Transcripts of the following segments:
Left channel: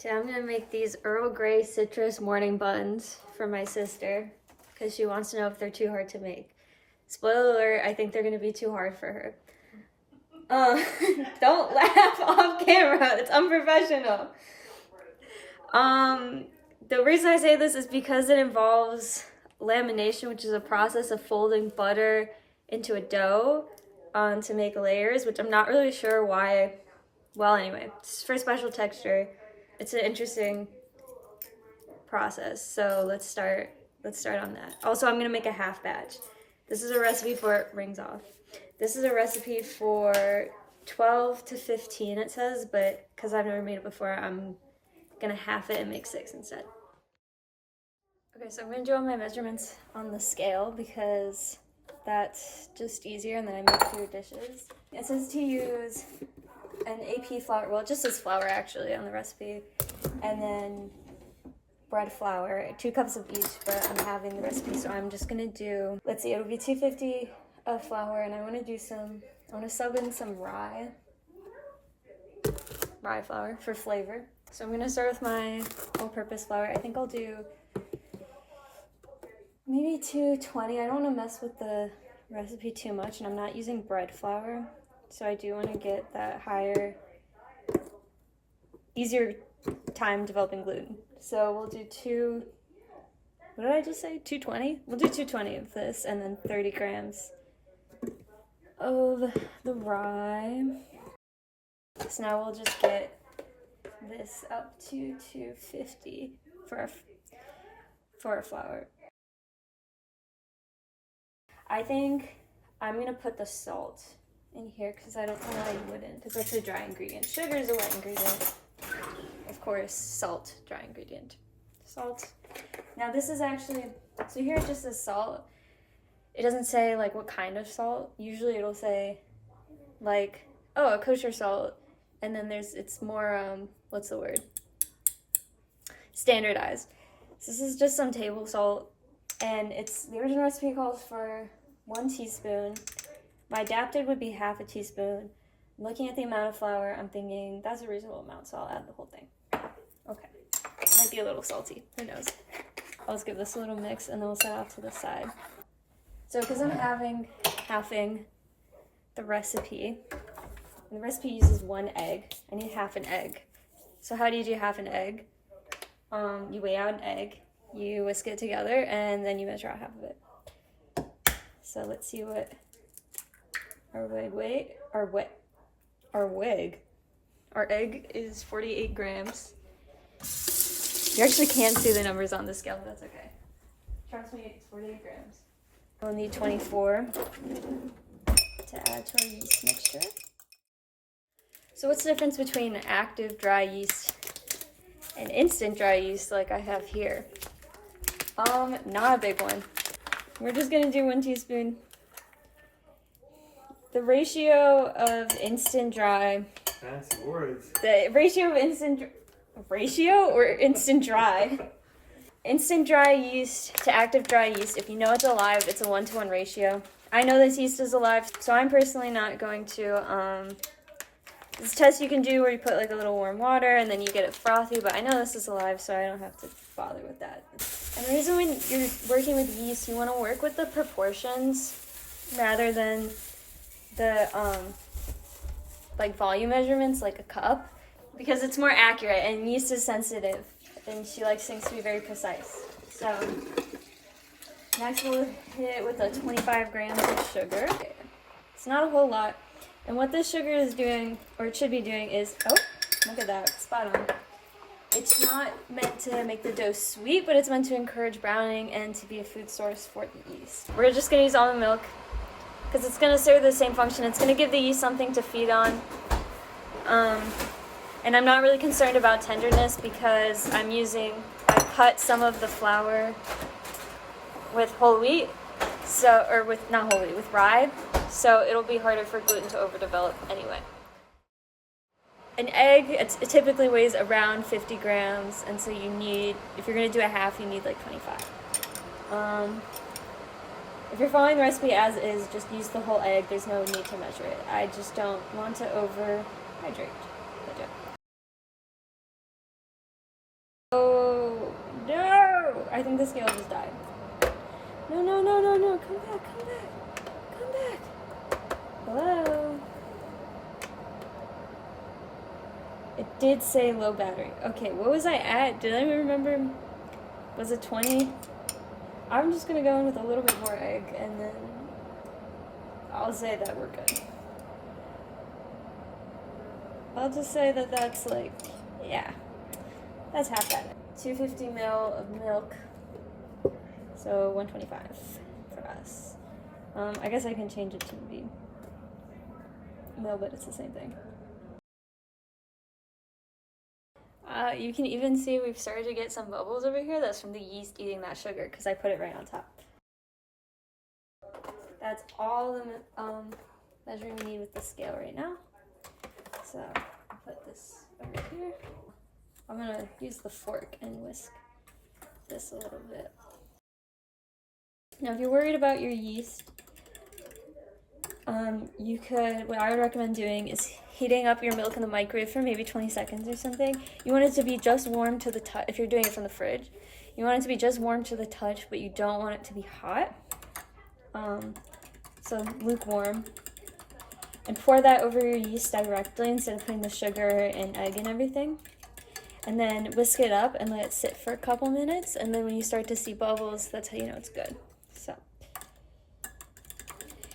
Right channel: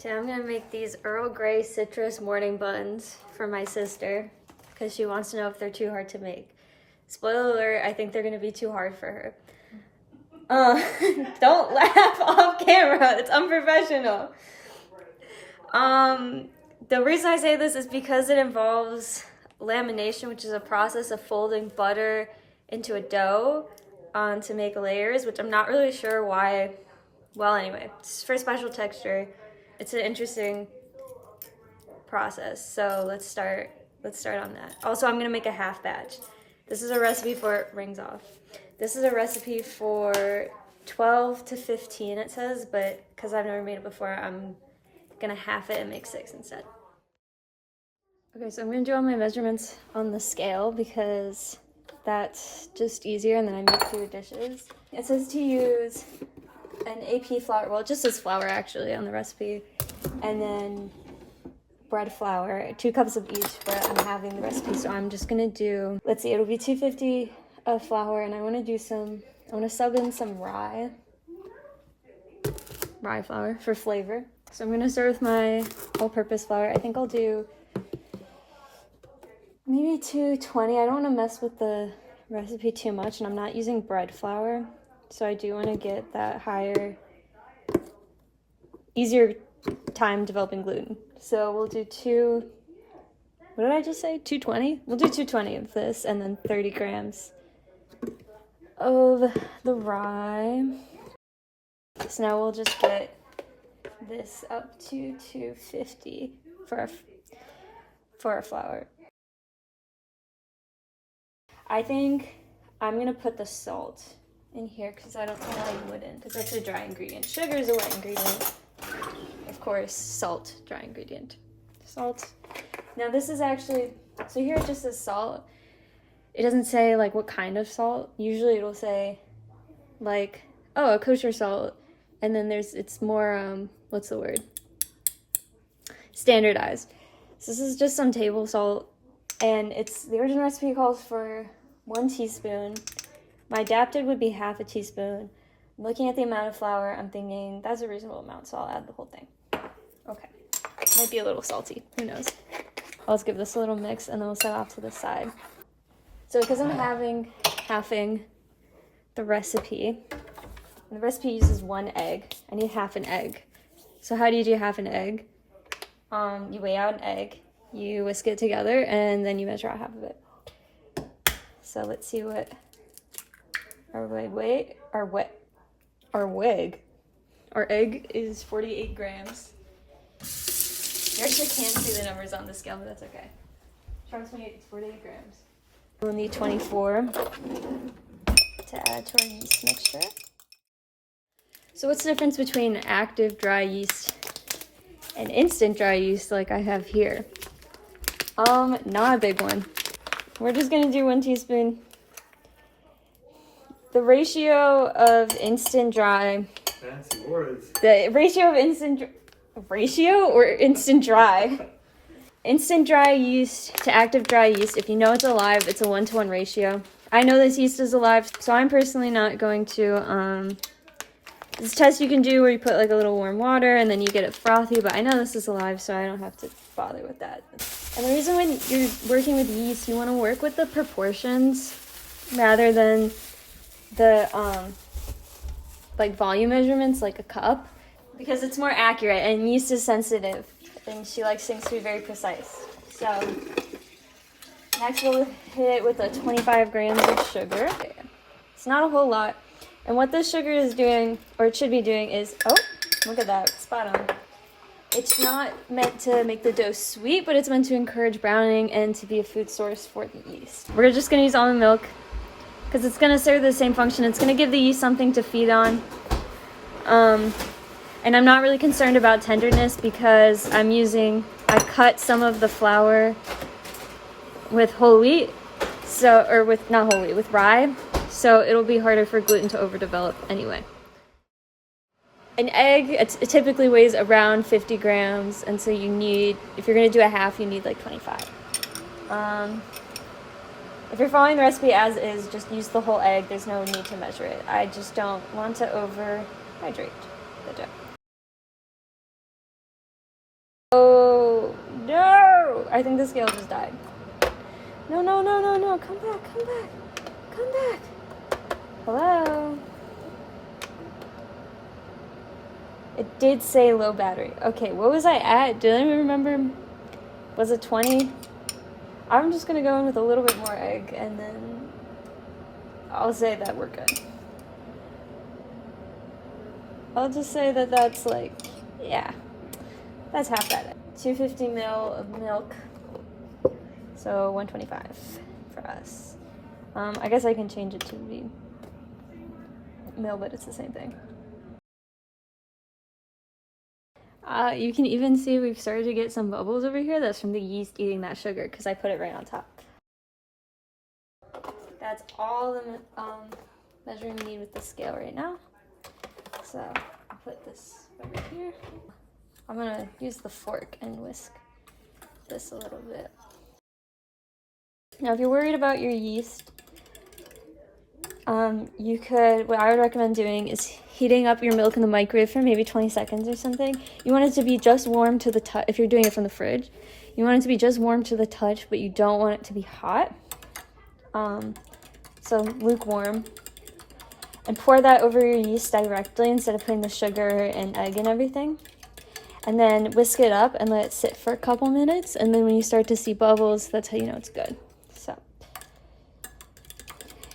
Today I'm gonna make these Earl Grey citrus morning buns for my sister because she wants to know if they're too hard to make. Spoiler alert, I think they're gonna be too hard for her. Don't laugh off camera, it's unprofessional. The reason I say this is because it involves lamination, which is a process of folding butter into a dough to make layers, which I'm not really sure why. Well, anyway, it's for special texture. It's an interesting process, so let's start on that. Also, I'm gonna make a half batch. This is a recipe for rings off. This is a recipe for 12 to 15, it says, but because I've never made it before, I'm gonna half it and make 6 instead. Okay, so I'm gonna do all my measurements on the scale because that's just easier, and then I make fewer dishes. It says to use an AP flour, well, it just says flour actually on the recipe, and then bread flour, 2 cups of each, but I'm having the recipe, so I'm just gonna do, let's see, it'll be 250 of flour, and I want to sub in some rye flour for flavor. So I'm gonna start with my all-purpose flour. I think I'll do maybe 220. I don't want to mess with the recipe too much, and I'm not using bread flour, so I do want to get that easier time developing gluten. So we'll do what did I just say? 220? We'll do 220 of this, and then 30 grams of the rye. So now we'll just get this up to 250 for our flour. I think I'm gonna put the salt in here because I don't know why you wouldn't, because that's a dry ingredient. Sugar is a wet ingredient. Of course, salt, dry ingredient. Salt. Now this is actually, so here it just says salt. It doesn't say like what kind of salt. Usually it'll say like, oh, a kosher salt. And then it's more, what's the word? Standardized. So this is just some table salt, and the original recipe calls for 1 teaspoon. My adapted would be half a teaspoon. I'm looking at the amount of flour, I'm thinking that's a reasonable amount, so I'll add the whole thing. Okay, might be a little salty, who knows. I'll just give this a little mix, and then we'll set off to the side. So because I'm halving the recipe, and the recipe uses 1 egg, I need half an egg. So how do you do half an egg? You weigh out an egg, you whisk it together, and then you measure out half of it. So let's see what our egg is 48 grams. You actually can't see the numbers on the scale, but that's okay. Trust me, it's 48 grams. We'll need 24 to add to our yeast mixture. So what's the difference between active dry yeast and instant dry yeast like I have here? Not a big one. We're just gonna do 1 teaspoon. The ratio of instant dry. Fancy words. The ratio of instant dry. Instant dry yeast to active dry yeast, if you know it's alive, it's a 1-to-1 ratio. I know this yeast is alive, so I'm personally not going to, this test you can do where you put like a little warm water and then you get it frothy, but I know this is alive, so I don't have to bother with that. And the reason when you're working with yeast, you want to work with the proportions rather than the like volume measurements, like a cup, because it's more accurate, and yeast is sensitive and she likes things to be very precise. So next we'll hit it with 25 grams of sugar. It's not a whole lot. And what this sugar is doing, or it should be doing, is, oh, look at that, spot on. It's not meant to make the dough sweet, but it's meant to encourage browning and to be a food source for the yeast. We're just gonna use almond milk because it's gonna serve the same function. It's gonna give the yeast something to feed on. And I'm not really concerned about tenderness because I cut some of the flour with whole wheat, with rye, so it'll be harder for gluten to overdevelop anyway. An egg, it typically weighs around 50 grams, and so you need, if you're gonna do a half, you need like 25. If you're following the recipe as is, just use the whole egg. There's no need to measure it. I just don't want to overhydrate the dough. I think the scale just died. No, no, no, no, no. Come back, come back. Come back. Hello? It did say low battery. Okay, what was I at? Did I remember? Was it 20? I'm just gonna go in with a little bit more egg and then I'll say that we're good. I'll just say that that's like, yeah, that's half bad. 250 ml of milk, so 125 for us. I guess I can change it to the mil, but it's the same thing. You can even see we've started to get some bubbles over here. That's from the yeast eating that sugar because I put it right on top. That's all the measuring we need with the scale right now. So I'll put this over here. I'm gonna use the fork and whisk this a little bit. Now, if you're worried about your yeast, what I would recommend doing is heating up your milk in the microwave for maybe 20 seconds or something. You want it to be just warm to the touch. If you're doing it from the fridge, you want it to be just warm to the touch, but you don't want it to be hot. So lukewarm. And pour that over your yeast directly instead of putting the sugar and egg and everything. And then whisk it up and let it sit for a couple minutes. And then when you start to see bubbles, that's how you know it's good. So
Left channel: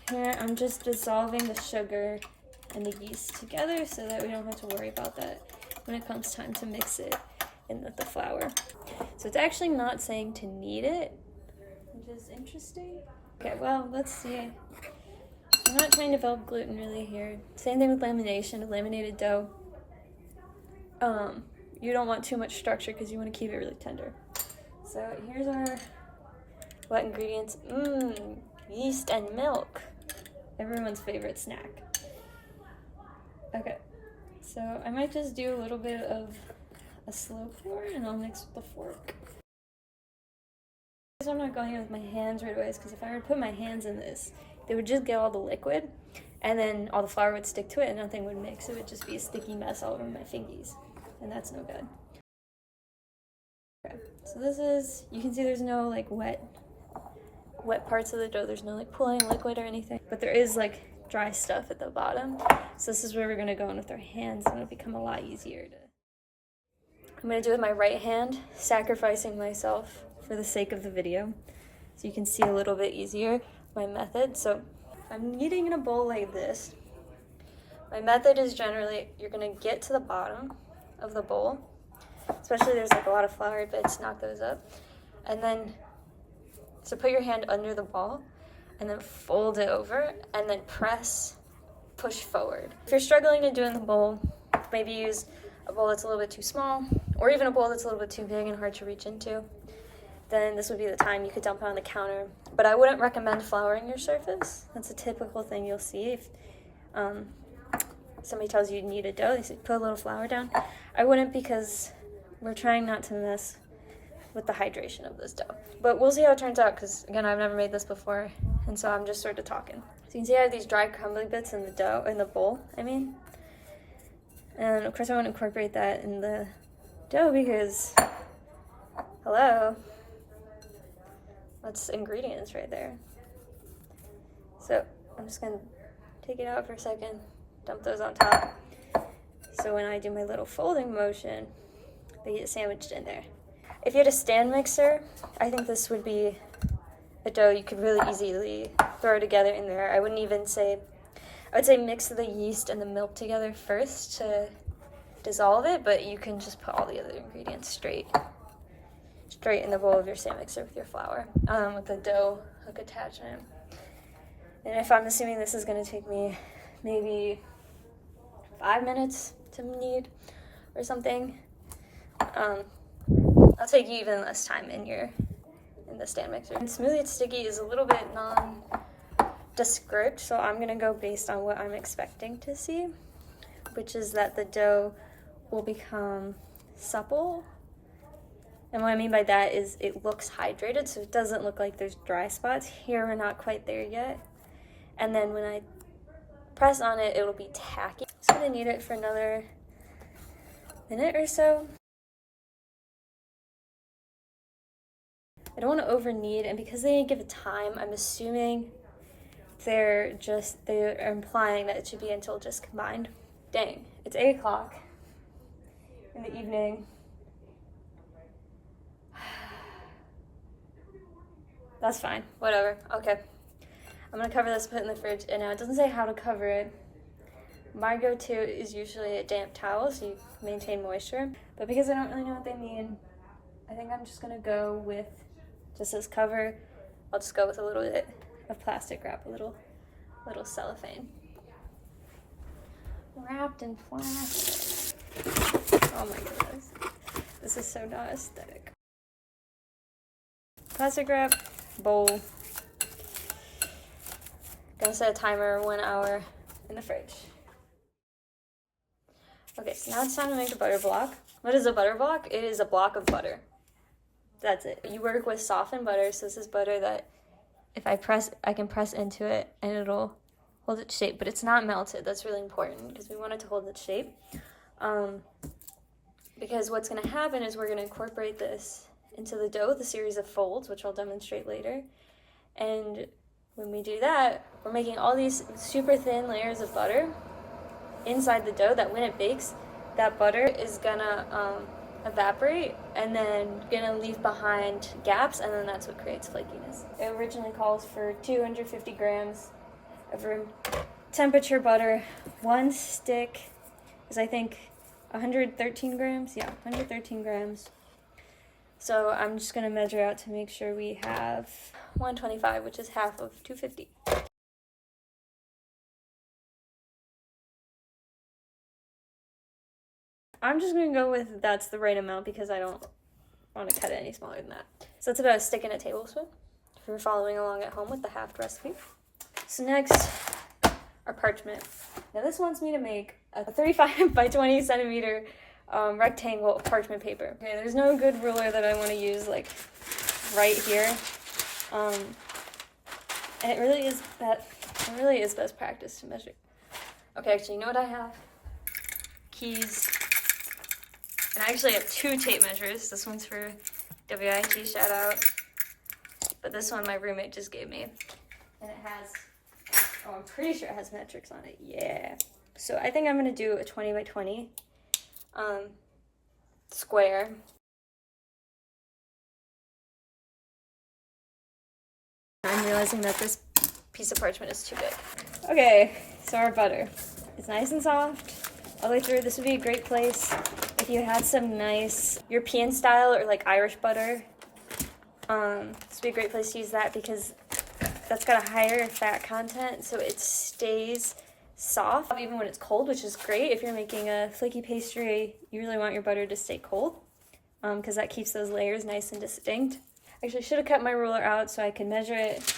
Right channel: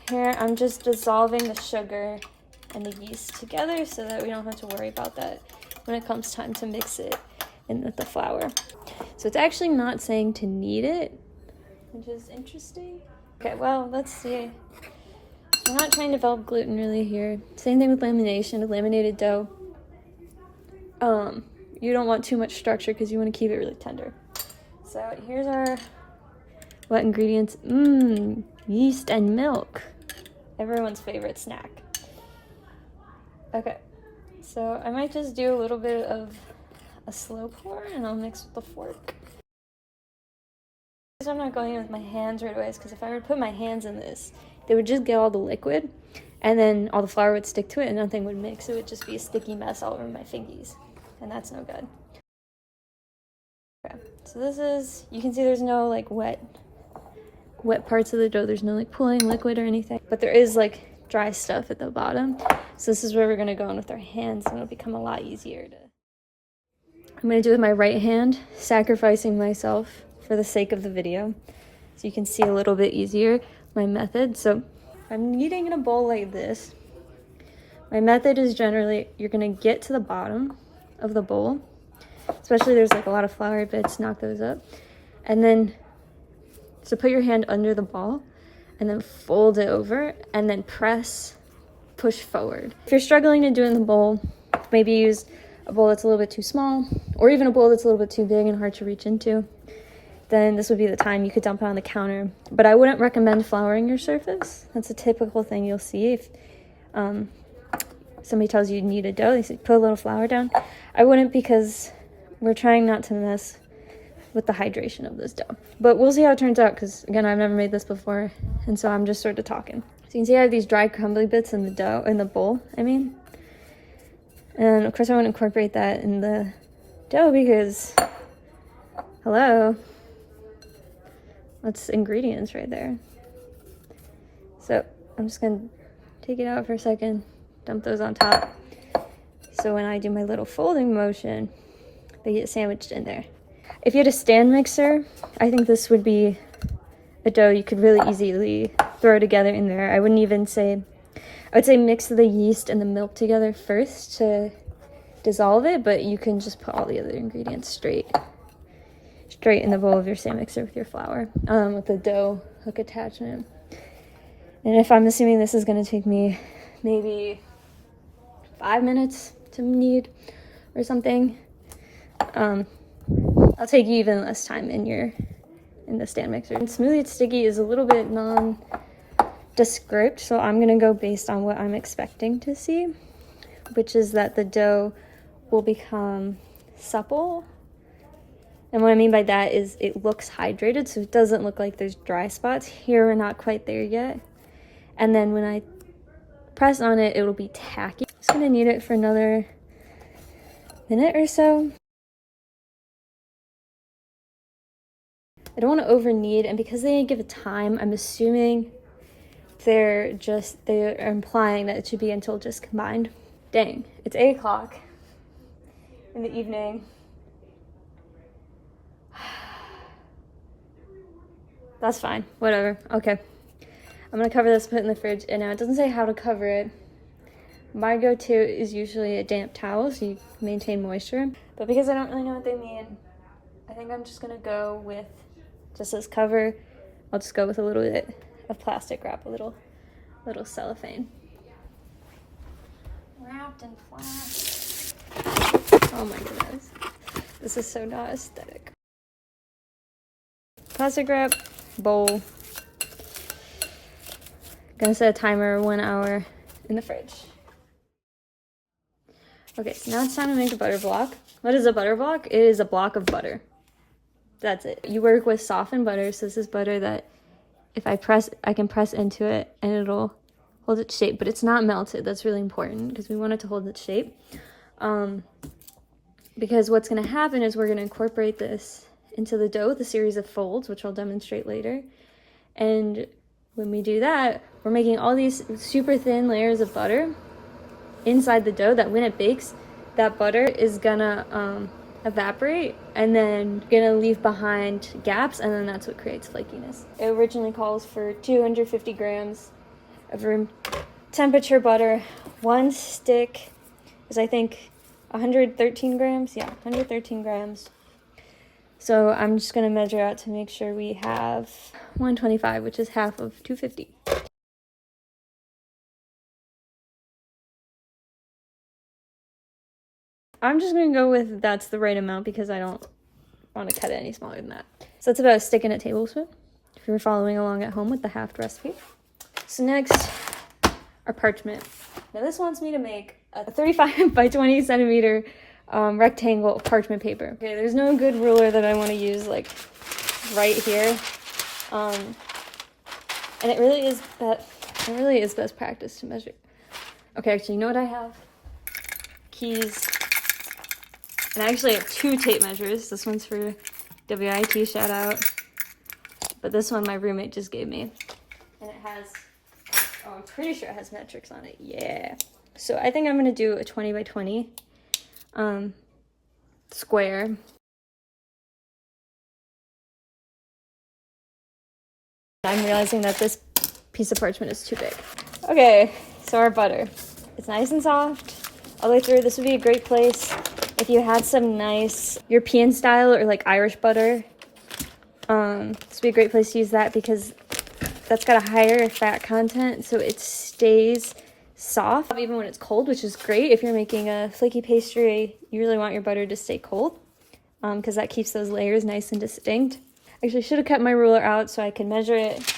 here I'm just dissolving the sugar and the yeast together so that we don't have to worry about that when it comes time to mix it in with the flour. So it's actually not saying to knead it, which is interesting. Okay, well, let's see. I'm not trying to develop gluten really here. Same thing with lamination, laminated dough. You don't want too much structure because you want to keep it really tender. So here's our wet ingredients. Yeast and milk. Everyone's favorite snack. Okay, so I might just do a little bit of a slow pour and I'll mix with the fork. I'm not going in with my hands right away because if I were to put my hands in this, they would just get all the liquid and then all the flour would stick to it and nothing would mix. It would just be a sticky mess all over my fingies, and that's no good. Okay, so this is, you can see there's no like wet parts of the dough. There's no like pooling liquid or anything, but there is like dry stuff at the bottom. So this is where we're gonna go in with our hands and it'll become a lot easier to. I'm gonna do it with my right hand, sacrificing myself for the sake of the video, so you can see a little bit easier my method. So I'm kneading in a bowl like this. My method is generally, you're gonna get to the bottom of the bowl, especially there's like a lot of flour bits, knock those up. And then, so put your hand under the ball and then fold it over and then push forward. If you're struggling to do it in the bowl, maybe use a bowl that's a little bit too small, or even a bowl that's a little bit too big and hard to reach into. Then this would be the time you could dump it on the counter. But I wouldn't recommend flouring your surface. That's a typical thing you'll see if somebody tells you need a dough, they say put a little flour down. I wouldn't, because we're trying not to mess with the hydration of this dough. But we'll see how it turns out because, again, I've never made this before, and so I'm just sort of talking. So you can see I have these dry crumbly bits in the dough, in the bowl, And of course I want to incorporate that in the dough because, hello, that's ingredients right there. So I'm just gonna take it out for a second, dump those on top. So when I do my little folding motion, they get sandwiched in there. If you had a stand mixer, I think this would be a dough you could really easily throw together in there. I wouldn't even say, I would say mix the yeast and the milk together first to dissolve it, but you can just put all the other ingredients straight in the bowl of your stand mixer with your flour, with the dough hook attachment. And if I'm assuming this is going to take me maybe 5 minutes to knead or something, I'll take you even less time in the stand mixer. And smoothie it's sticky is a little bit nondescript, so I'm going to go based on what I'm expecting to see, which is that the dough will become supple. And what I mean by that is it looks hydrated, so it doesn't look like there's dry spots. Here, we're not quite there yet. And then when I press on it, it'll be tacky. I'm just gonna knead it for another minute or so. I don't want to over knead, and because they didn't give a time, I'm assuming they're implying that it should be until just combined. Dang, it's 8 o'clock in the evening. That's fine, whatever, okay. I'm gonna cover this, put it in the fridge, and now it doesn't say how to cover it. My go-to is usually a damp towel, so you maintain moisture. But because I don't really know what they mean, I think I'm just gonna go with just this cover. I'll just go with a little bit of plastic wrap, a little cellophane. Wrapped in plastic. Oh my goodness. This is so not aesthetic. Plastic wrap, bowl. Gonna set a timer 1 hour in the fridge. Okay, so now it's time to make the butter block. What is a butter block? It is a block of butter. That's it. You work with softened butter, so this is butter that if I press, I can press into it and it'll hold its shape, but it's not melted. That's really important because we want it to hold its shape. Because what's gonna happen is we're gonna incorporate this into the dough with a series of folds, which I'll demonstrate later. And when we do that, we're making all these super thin layers of butter inside the dough that when it bakes, that butter is gonna evaporate and then gonna leave behind gaps, and then that's what creates flakiness. It originally calls for 250 grams of room temperature butter. One stick is, I think, 113 grams. Yeah, 113 grams. So I'm just gonna measure out to make sure we have 125, which is half of 250. I'm just gonna go with that's the right amount because I don't want to cut it any smaller than that. So that's about a stick and a tablespoon, if you're following along at home with the halved recipe. So next, our parchment. Now this wants me to make a 35 by 20 centimeter rectangle of parchment paper. Okay, there's no good ruler that I want to use like right here. And it really is best practice to measure. Okay, actually, you know what I have? Keys. And I actually have 2 tape measures. This one's for WIT, shout out. But this one my roommate just gave me. And it has, oh, I'm pretty sure it has metrics on it. Yeah. So I think I'm gonna do a 20 by 20 square. I'm realizing that this piece of parchment is too big. Okay, so our butter. It's nice and soft all the way through. This would be a great place if you had some nice European style or like Irish butter. This would be a great place to use that because that's got a higher fat content, so it stays soft even when it's cold, which is great. If you're making a flaky pastry, you really want your butter to stay cold because that keeps those layers nice and distinct. Actually, I should have kept my ruler out so I could measure it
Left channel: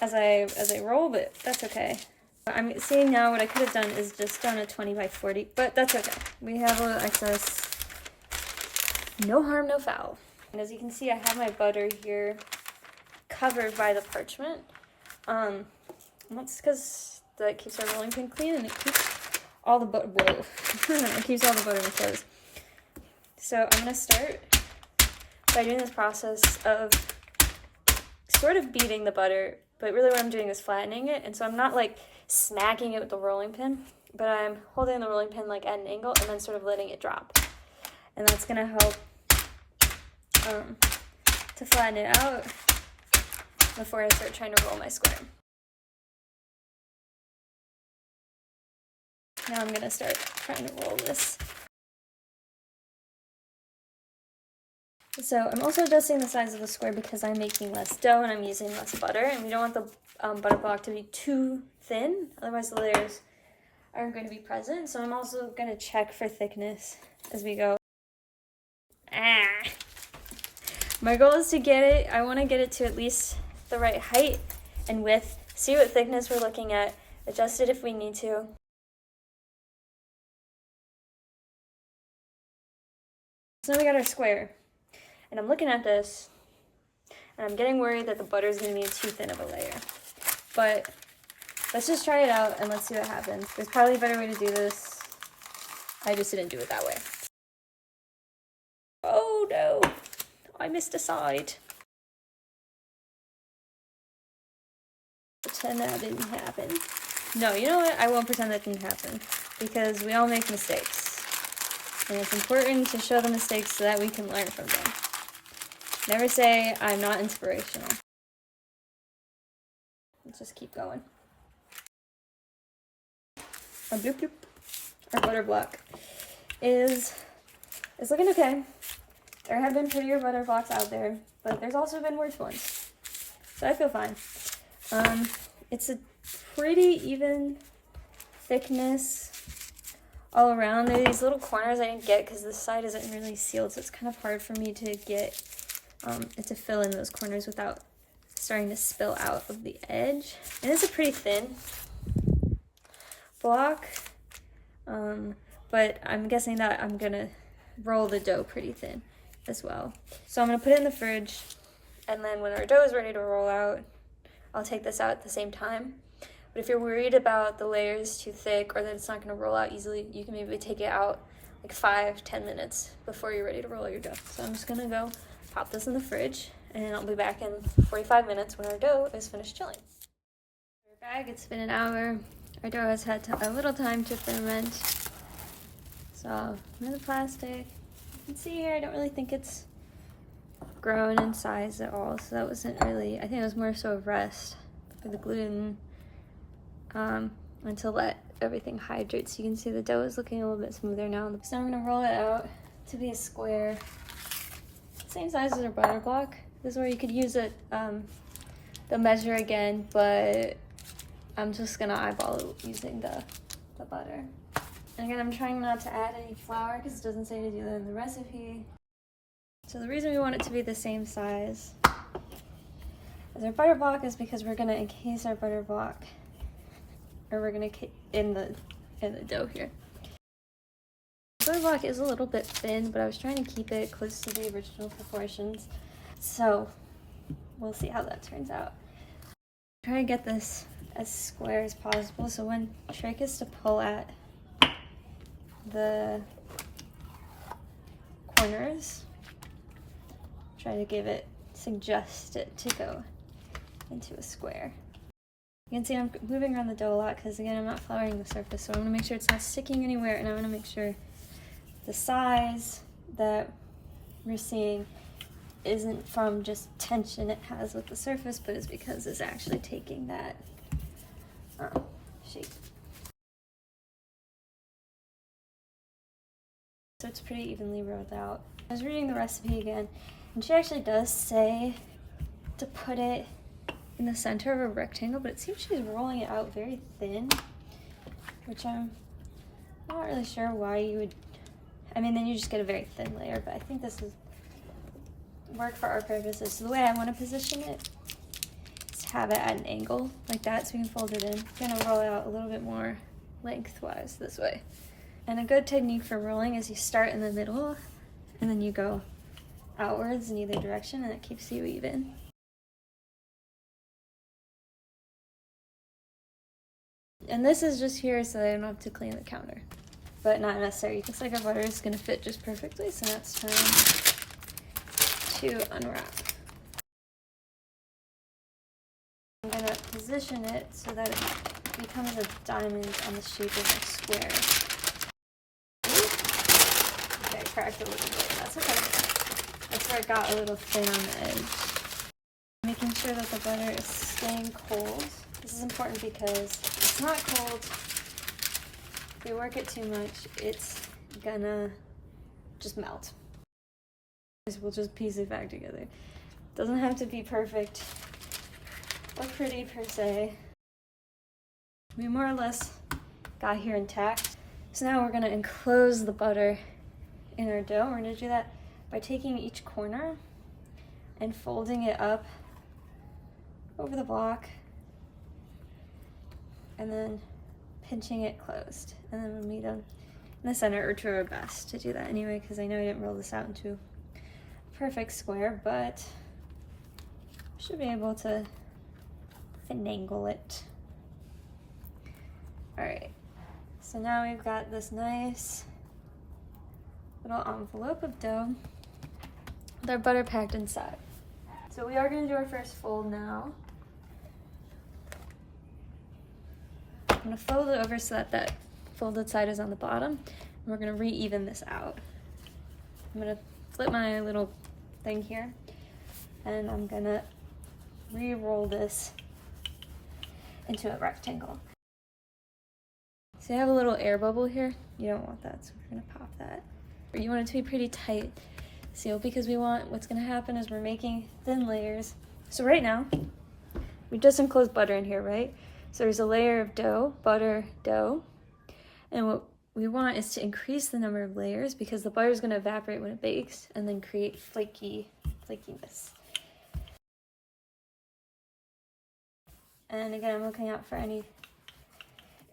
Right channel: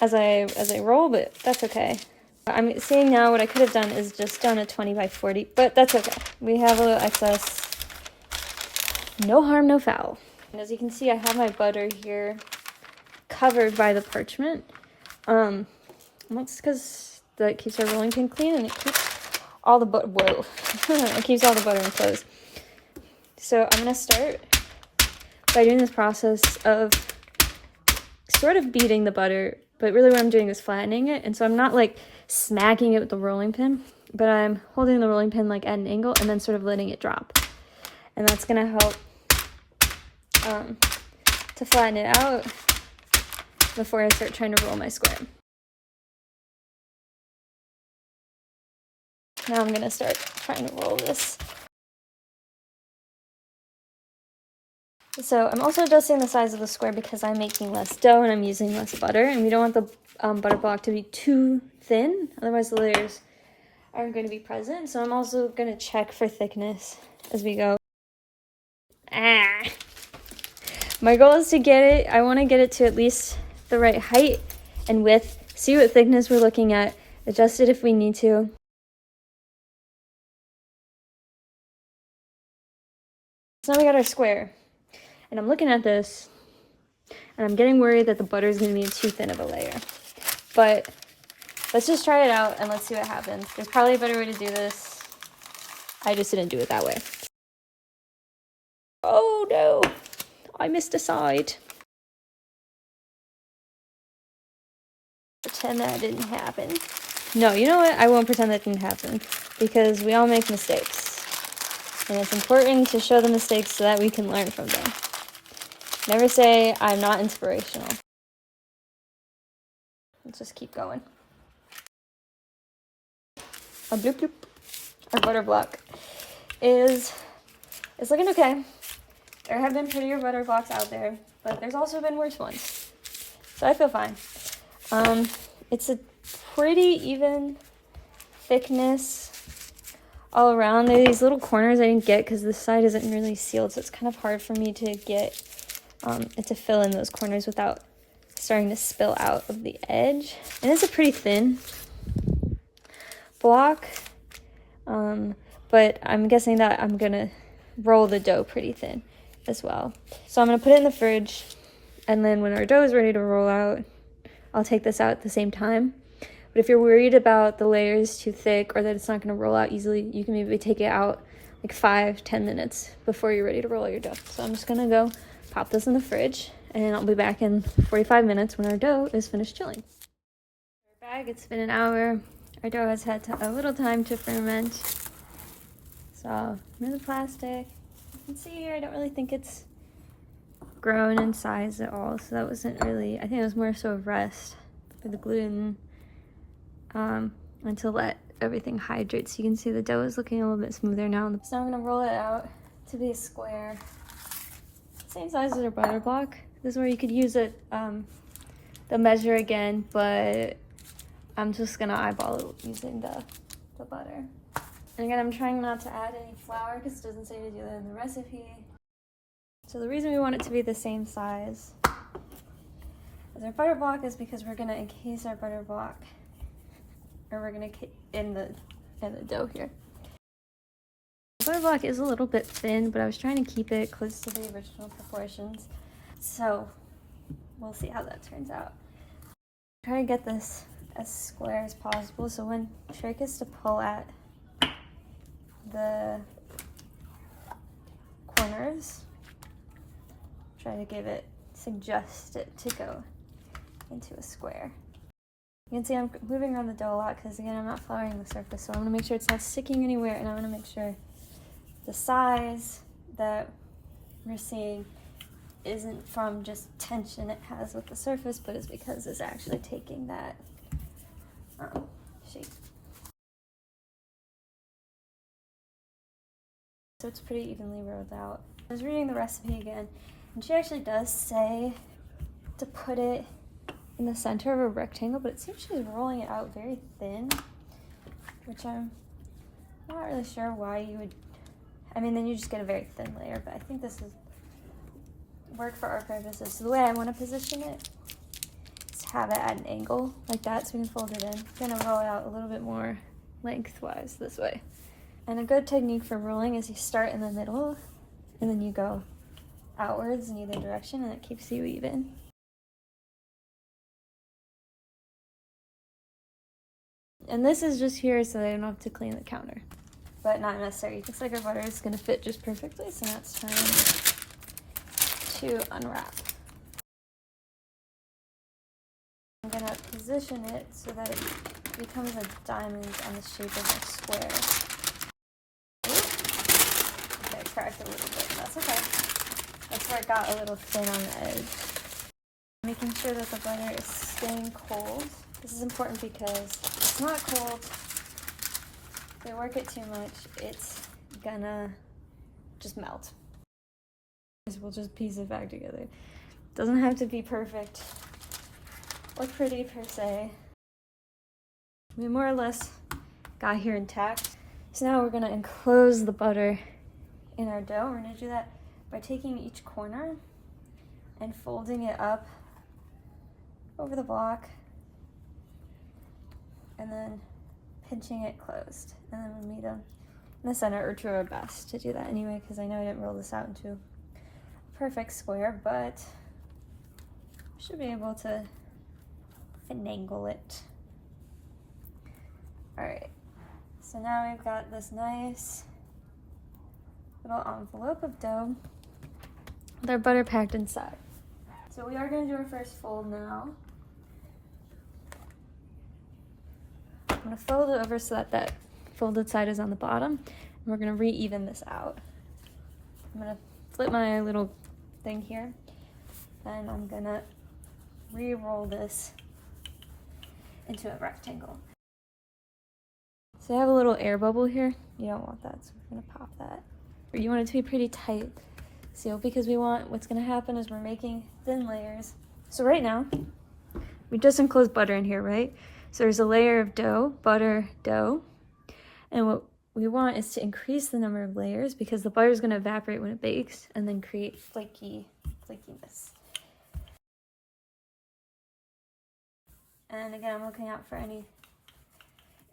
as I roll, but that's okay. I'm seeing now what I could have done is just done a 20 by 40, but that's okay. We have a little excess. No harm, no foul. And as you can see, I have my butter here covered by the parchment. That's because that keeps our rolling pin clean and it keeps all the butter, it keeps all the butter in place. So I'm gonna start by doing this process of sort of beating the butter, but really what I'm doing is flattening it. And so I'm not like smacking it with the rolling pin, but I'm holding the rolling pin like at an angle and then sort of letting it drop. And that's gonna help to flatten it out before I start trying to roll my square. Now I'm gonna start trying to roll this. So I'm also adjusting the size of the square because I'm making less dough and I'm using less butter, and we don't want the butter block to be too thin, otherwise the layers aren't going to be present. So I'm also going to check for thickness as we go. My goal is to get it, I want to get it to at least the right height and width, see what thickness we're looking at, adjust it if we need to. So now we got our square. And I'm looking at this, and I'm getting worried that the butter is going to be too thin of a layer. But let's just try it out, and let's see what happens. There's probably a better way to do this. I just didn't do it that way. Oh, no. I missed a side. Pretend that didn't happen. No, you know what? I won't pretend that didn't happen because we all make mistakes. And it's important to show the mistakes so that we can learn from them. Never say, I'm not inspirational. Let's just keep going. Our bloop bloop, our butter block is looking okay. There have been prettier butter blocks out there, but there's also been worse ones. So I feel fine. It's a pretty even thickness all around. There are these little corners I didn't get because this side isn't really sealed, so it's kind of hard for me to get it to fill in those corners without starting to spill out of the edge. And it's a pretty thin block, but I'm guessing that I'm gonna roll the dough pretty thin as well. So I'm gonna put it in the fridge, and then when our dough is ready to roll out, I'll take this out at the same time. But if you're worried about the layers too thick or that it's not gonna roll out easily, you can maybe take it out like 5-10 minutes before you're ready to roll out your dough. So I'm just gonna go pop this in the fridge, and I'll be back in 45 minutes when our dough is finished chilling. Our bag, it's been an hour. Our dough has had a little time to ferment. So I'm in the plastic. You can see here, I don't really think it's grown in size at all. So that wasn't really, I think it was more so a rest for the gluten and to let everything hydrate. So you can see the dough is looking a little bit smoother now. So I'm gonna roll it out to be a square. Same size as our butter block. This is where you could use it, the measure again, but I'm just gonna eyeball it using the butter. And again, I'm trying not to add any flour because it doesn't say to do that in the recipe. So the reason we want it to be the same size as our butter block is because we're gonna encase our butter block, or we're gonna in the dough here. The butter block is a little bit thin, but I was trying to keep it close to the original proportions. So we'll see how that turns out. Try to get this as square as possible. So when trick is to pull at the corners, try to suggest it to go into a square. You can see I'm moving around the dough a lot because again, I'm not flouring the surface, so I want to make sure it's not sticking anywhere, and I want to make sure the size that we're seeing isn't from just tension it has with the surface, but is because it's actually taking that shape. So it's pretty evenly rolled out. I was reading the recipe again, and she actually does say to put it in the center of a rectangle, but it seems she's rolling it out very thin, which I'm not really sure why you would. I mean, then you just get a very thin layer, but I think this is work for our purposes. So the way I want to position it is to have it at an angle like that, so we can fold it in. I'm gonna roll it out a little bit more lengthwise this way. And a good technique for rolling is you start in the middle and then you go outwards in either direction, and it keeps you even. And this is just here so that I don't have to clean the counter, but not necessary. Looks like our butter is gonna fit just perfectly, so now it's time to unwrap. I'm gonna position it so that it becomes a diamond on the shape of a square. Okay, I cracked a little bit, that's okay. That's where it got a little thin on the edge. Making sure that the butter is staying cold. This is important because if it's not cold, if we work it too much, it's gonna just melt. We'll just piece it back together. Doesn't have to be perfect or pretty per se. We more or less got here intact. So now we're gonna enclose the butter in our dough. We're gonna do that by taking each corner and folding it up over the block and then pinching it closed. And then we'll meet them in the center, or try our best to do that anyway, because I know I didn't roll this out into a perfect square, but I should be able to finagle it. All right, so now we've got this nice little envelope of dough. with our butter packed inside. So we are gonna do our first fold now. I'm gonna fold it over so that that folded side is on the bottom, and we're gonna re-even this out. I'm gonna flip my little thing here, and I'm gonna re-roll this into a rectangle. So you have a little air bubble here. You don't want that, so we're gonna pop that. You want it to be pretty tight seal, because what's gonna happen is we're making thin layers. So right now, we just enclosed butter in here, right? So there's a layer of dough, butter, dough. And what we want is to increase the number of layers, because the butter is gonna evaporate when it bakes and then create flakiness. And again, I'm looking out for any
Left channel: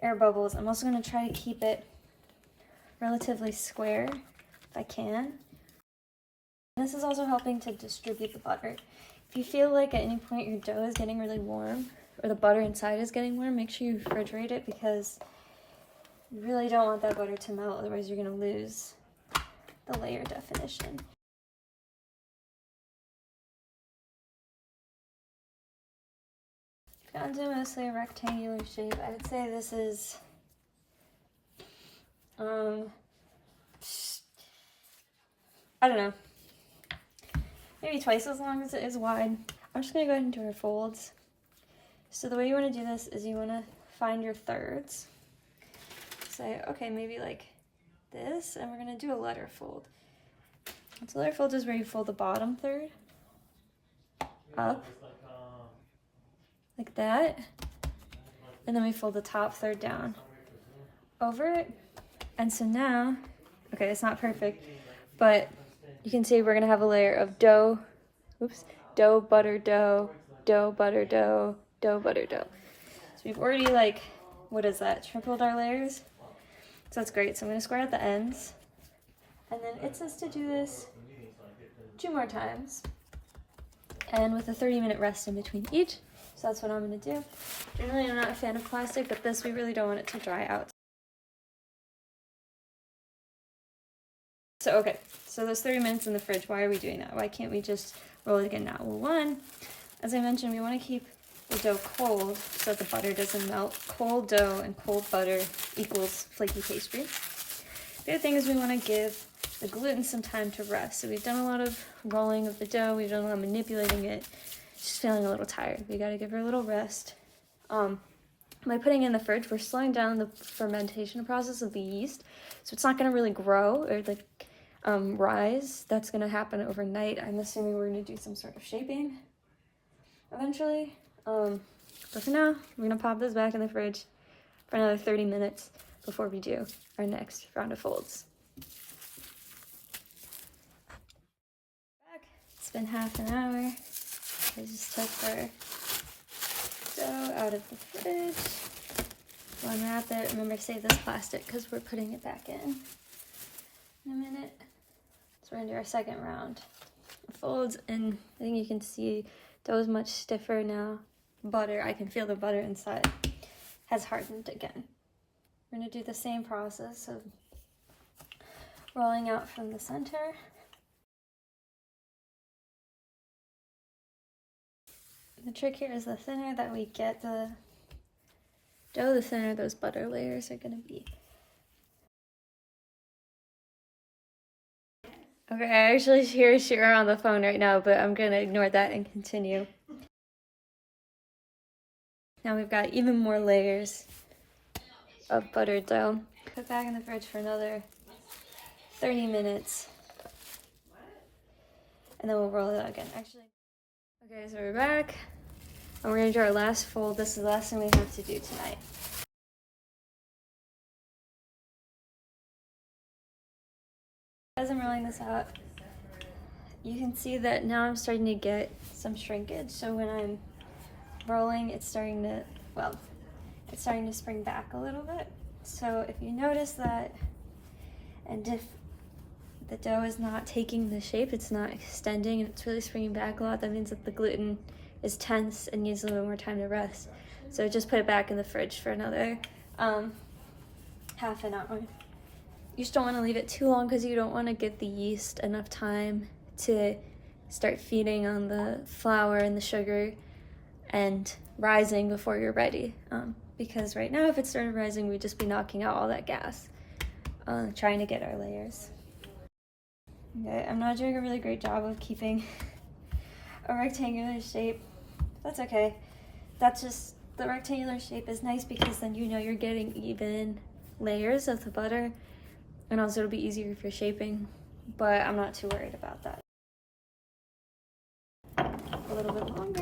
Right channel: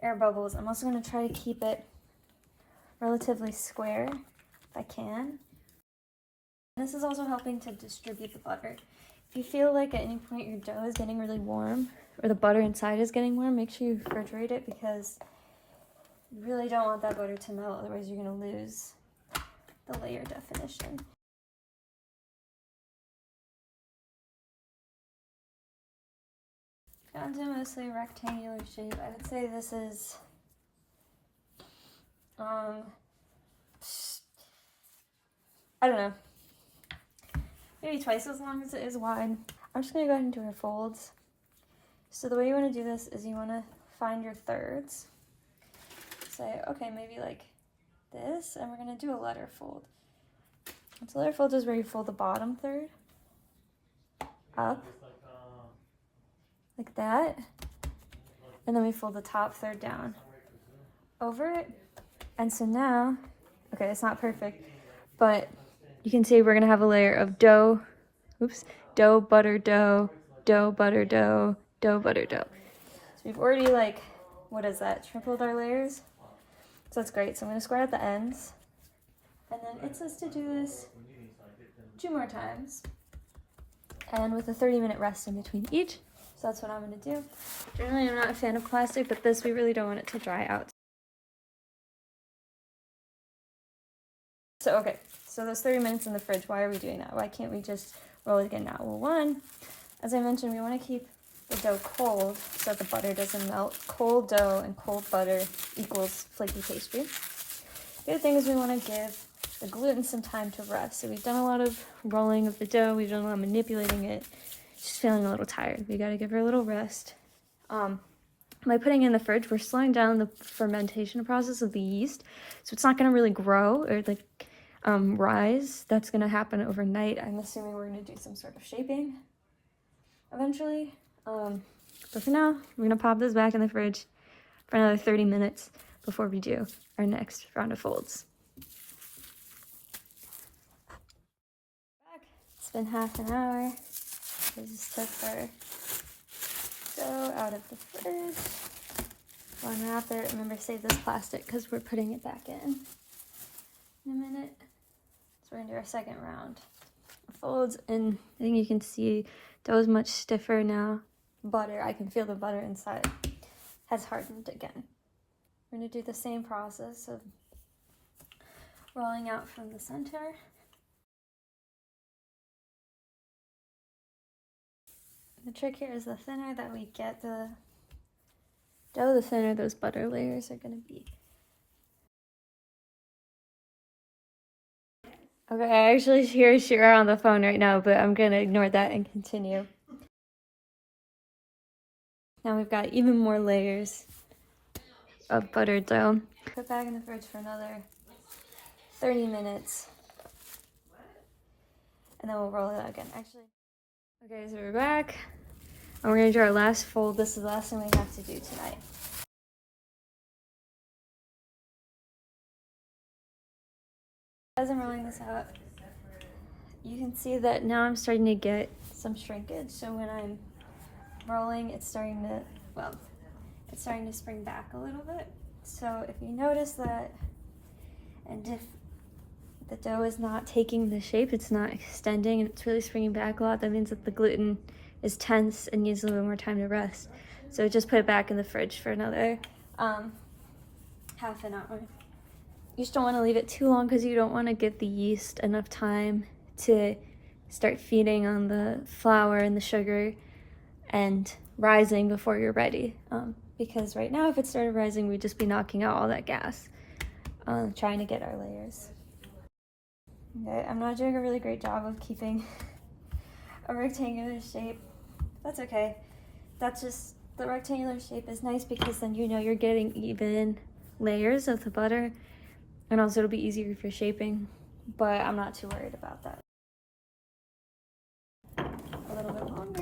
air bubbles. I'm also gonna try to keep it relatively square if I can. This is also helping to distribute the butter. If you feel like at any point your dough is getting really warm, or the butter inside is getting warm, make sure you refrigerate it, because you really don't want that butter to melt, otherwise you're gonna lose the layer definition. Gotten to mostly a rectangular shape. I would say this is I don't know, maybe twice as long as it is wide. I'm just gonna go ahead and do our folds. So the way you want to do this is you want to find your thirds. Say, okay, maybe like this, and we're gonna do a letter fold. So letter fold is where you fold the bottom third up, like that, and then we fold the top third down over it. And so now, okay, it's not perfect, but you can see we're gonna have a layer of dough, dough, butter, dough, dough, butter, dough, dough, butter, dough. So we've already, like, what is that, tripled our layers? So that's great. So I'm gonna square out the ends, and then it says to do this 2 more times, and with a 30-minute rest in between each. So that's what I'm gonna do. Generally, I'm not a fan of plastic, but this, we really don't want it to dry out. So, okay, so those 30 minutes in the fridge, why are we doing that? Why can't we just roll it again now? Well, one, as I mentioned, we want to keep the dough cold so that the butter doesn't melt. Cold dough and cold butter equals flaky pastry. The other thing is we want to give the gluten some time to rest. So we've done a lot of rolling of the dough, we've done a lot of manipulating it. She's feeling a little tired. We got to give her a little rest. By putting it in the fridge, we're slowing down the fermentation process of the yeast, so it's not going to really grow or like rise. That's going to happen overnight. I'm assuming we're going to do some sort of shaping eventually. But for now, we're going to pop this back in the fridge for another 30 minutes before we do our next round of folds. Back. It's been half an hour. I just took our dough out of the fridge. We'll unwrap it. Remember to save this plastic because we're putting it back in a minute. So we're gonna do our second round of folds, and I think you can see dough is much stiffer now. Butter, I can feel the butter inside has hardened again. We're gonna do the same process of rolling out from the center. The trick here is the thinner that we get the dough, the thinner those butter layers are gonna be. Okay, I actually hear Shira on the phone right now, but I'm gonna ignore that and continue. Now we've got even more layers of buttered dough. Put back in the fridge for another 30 minutes, and then we'll roll it out again. Okay, so we're back, and we're gonna do our last fold. This is the last thing we have to do tonight. As I'm rolling this out, you can see that now I'm starting to get some shrinkage. So when I'm rolling, it's starting to spring back a little bit. So if you notice that, and if the dough is not taking the shape, it's not extending, and it's really springing back a lot, that means that the gluten is tense and needs a little more time to rest. So just put it back in the fridge for another half an hour. You just don't want to leave it too long because you don't want to give the yeast enough time to start feeding on the flour and the sugar and rising before you're ready. Because right now, if it started rising, we'd just be knocking out all that gas, trying to get our layers. Okay, I'm not doing a really great job of keeping a rectangular shape. That's okay. That's just, the rectangular shape is nice because then you know you're getting even layers of the butter, and also it'll be easier if you're shaping, but I'm not too worried about that. A little bit longer.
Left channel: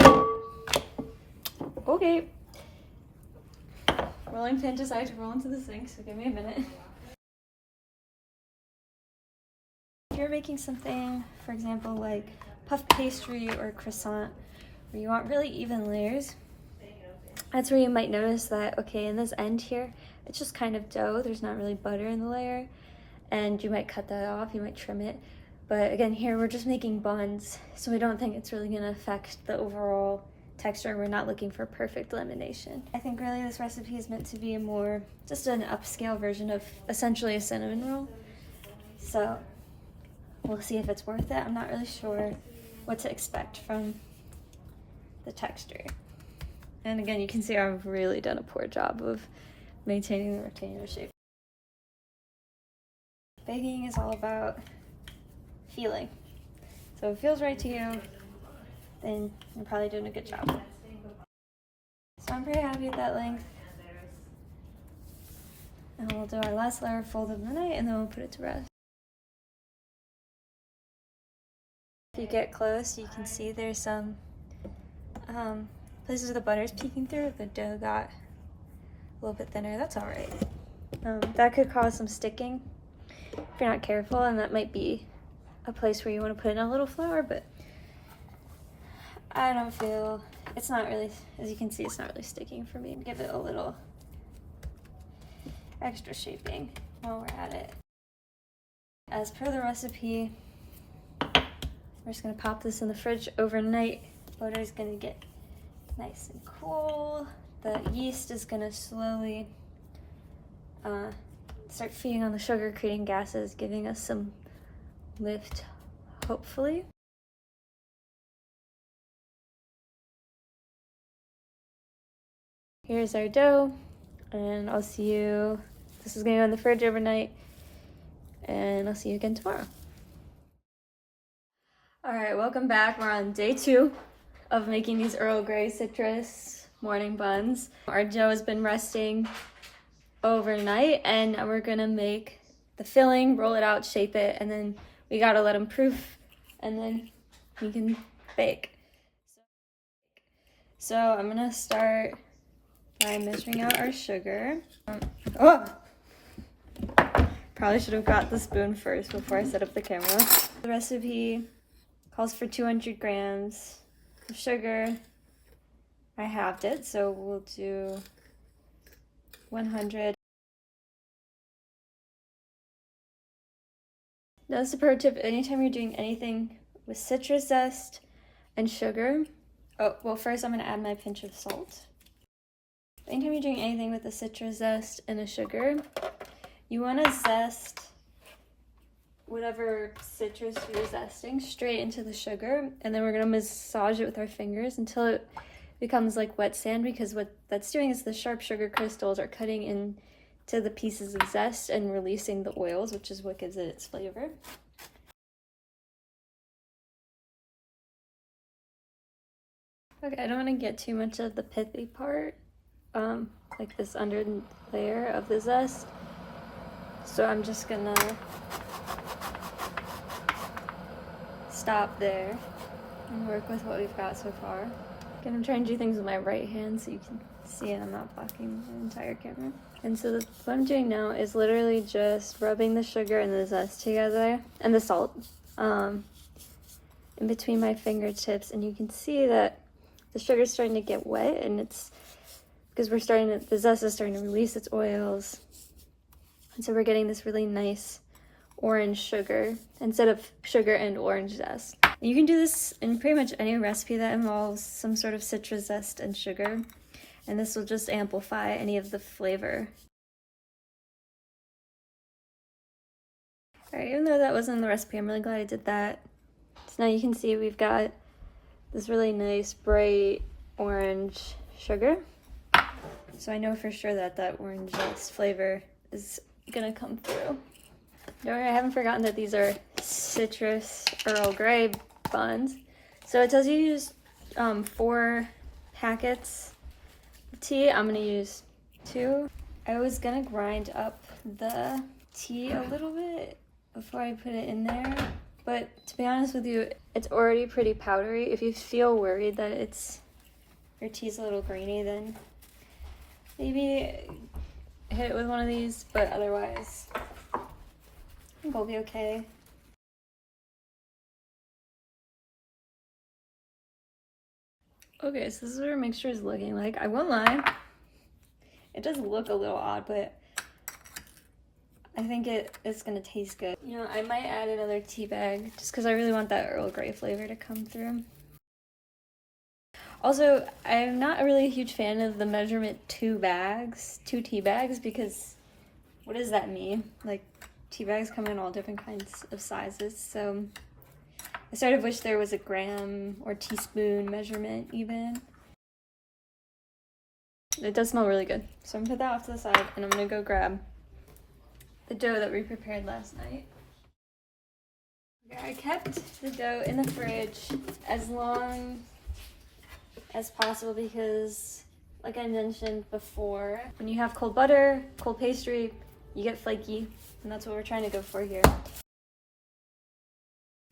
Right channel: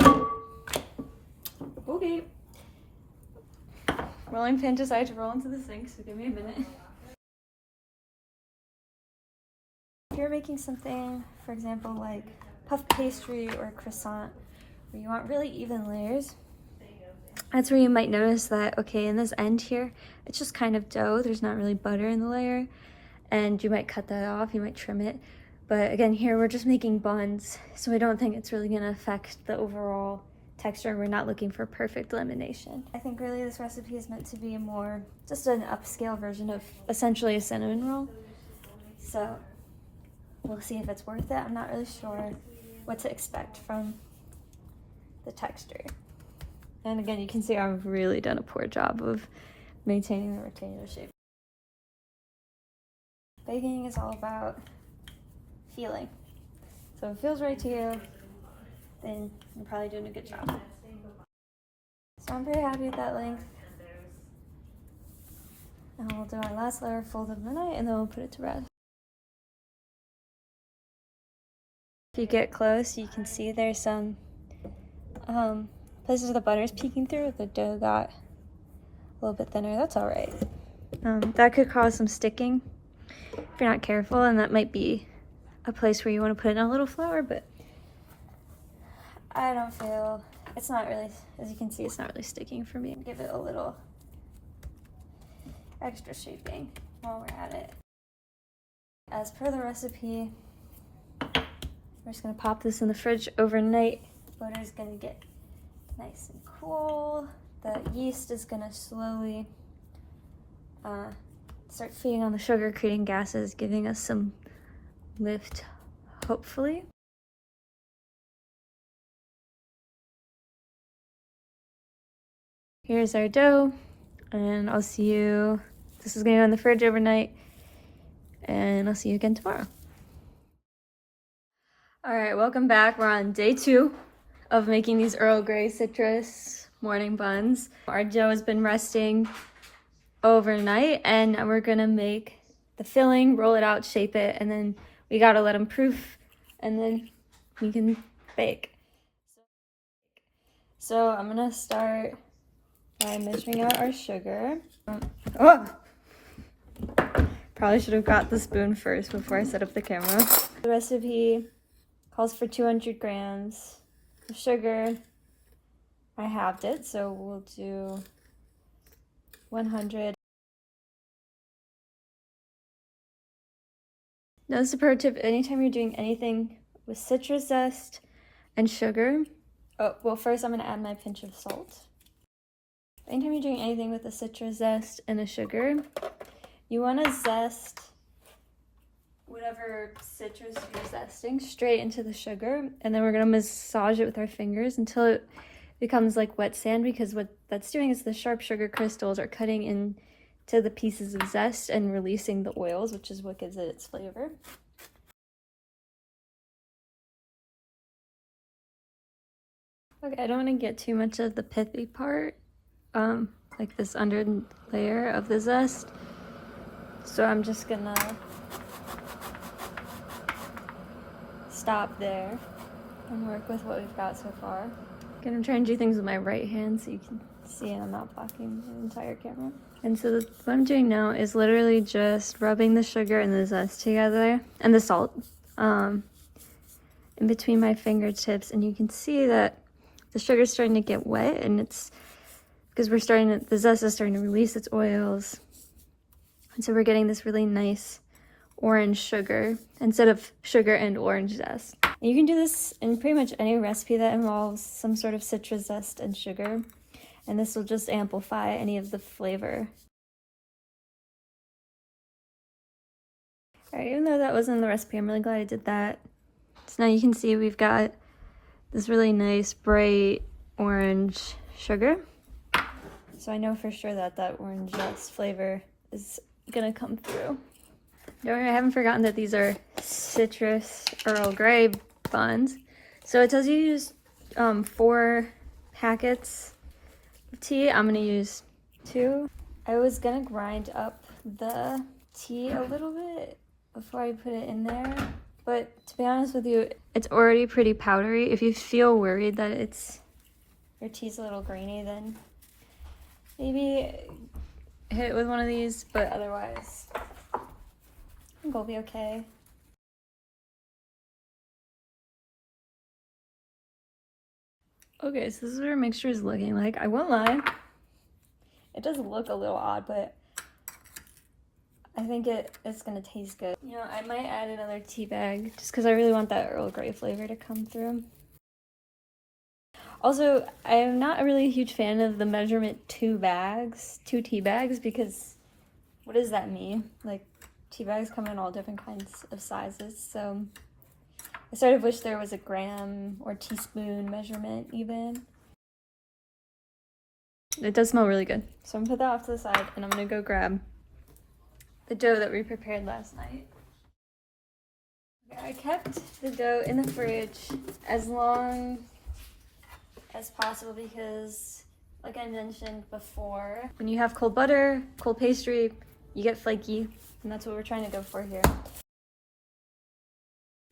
Oh. Okay. Rolling pin decided to roll into the sink, so give me a minute. If you're making something, for example, like puff pastry or a croissant, where you want really even layers, that's where you might notice that, okay, in this end here, it's just kind of dough. There's not really butter in the layer, and you might cut that off, you might trim it. But again, here we're just making buns, so I don't think it's really gonna affect the overall texture, and we're not looking for perfect lamination. I think really this recipe is meant to be more, just an upscale version of essentially a cinnamon roll. So we'll see if it's worth it. I'm not really sure what to expect from the texture. And again, you can see I've really done a poor job of maintaining the rectangular shape. Baking is all about feeling. So if it feels right to you, then you're probably doing a good job. So I'm pretty happy with that length. And we'll do our last layer fold of the night, and then we'll put it to rest. If you get close, you can see there's some places where the butter is peeking through. The dough got a little bit thinner. That's all right. That could cause some sticking if you're not careful, and that might be a place where you want to put in a little flour, but I don't feel, it's not really, as you can see, it's not really sticking for me. Give it a little extra shaping while we're at it. As per the recipe, we're just gonna pop this in the fridge overnight. Butter is gonna get nice and cool. The yeast is gonna slowly start feeding on the sugar, creating gases, giving us some lift, hopefully. Here's our dough, and I'll see you, this is gonna go in the fridge overnight, and I'll see you again tomorrow. All right, welcome back. We're on day 2 of making these Earl Grey citrus morning buns. Our dough has been resting overnight, and we're gonna make the filling, roll it out, shape it, and then we gotta let them proof, and then we can bake. So I'm gonna start by measuring out our sugar. Oh! Probably should have got the spoon first before I set up the camera. The recipe calls for 200 grams of sugar. I halved it, so we'll do 100. Now this is a pro tip, anytime you're doing anything with citrus zest and sugar, oh, well first I'm gonna add my pinch of salt. Anytime you're doing anything with a citrus zest and a sugar, you wanna zest whatever citrus you're zesting straight into the sugar, and then we're gonna massage it with our fingers until it becomes like wet sand, because what that's doing is the sharp sugar crystals are cutting into the pieces of zest and releasing the oils, which is what gives it its flavor. Okay, I don't want to get too much of the pithy part, like this under layer of the zest, so I'm just gonna stop there and work with what we've got so far. I'm gonna try and do things with my right hand so you can see it. I'm not blocking the entire camera. And so what I'm doing now is literally just rubbing the sugar and the zest together, and the salt, in between my fingertips, and you can see that the sugar's starting to get wet, and it's because the zest is starting to release its oils, and so we're getting this really nice orange sugar instead of sugar and orange zest. And you can do this in pretty much any recipe that involves some sort of citrus zest and sugar, and this will just amplify any of the flavor. All right, even though that wasn't in the recipe, I'm really glad I did that. So now you can see we've got this really nice bright orange sugar. So I know for sure that that orange zest flavor is gonna come through. Don't worry, I haven't forgotten that these are citrus Earl Grey buns. So it tells you to use 4 packets of tea. I'm gonna use 2. I was gonna grind up the tea a little bit before I put it in there, but to be honest with you, it's already pretty powdery. If you feel worried that your tea's a little grainy, then maybe hit it with one of these, but otherwise I think we'll be okay. Okay, so this is what our mixture is looking like. I won't lie, it does look a little odd, but I think it's gonna taste good. You know, I might add another tea bag just because I really want that Earl Grey flavor to come through. Also, I'm not really a huge fan of the measurement 2 tea bags, because what does that mean? Like, tea bags come in all different kinds of sizes, so I sort of wish there was a gram or teaspoon measurement even. It does smell really good. So I'm gonna put that off to the side and I'm gonna go grab the dough that we prepared last night. I kept the dough in the fridge as long as possible because, like I mentioned before, when you have cold butter, cold pastry, you get flaky, and that's what we're trying to go for here.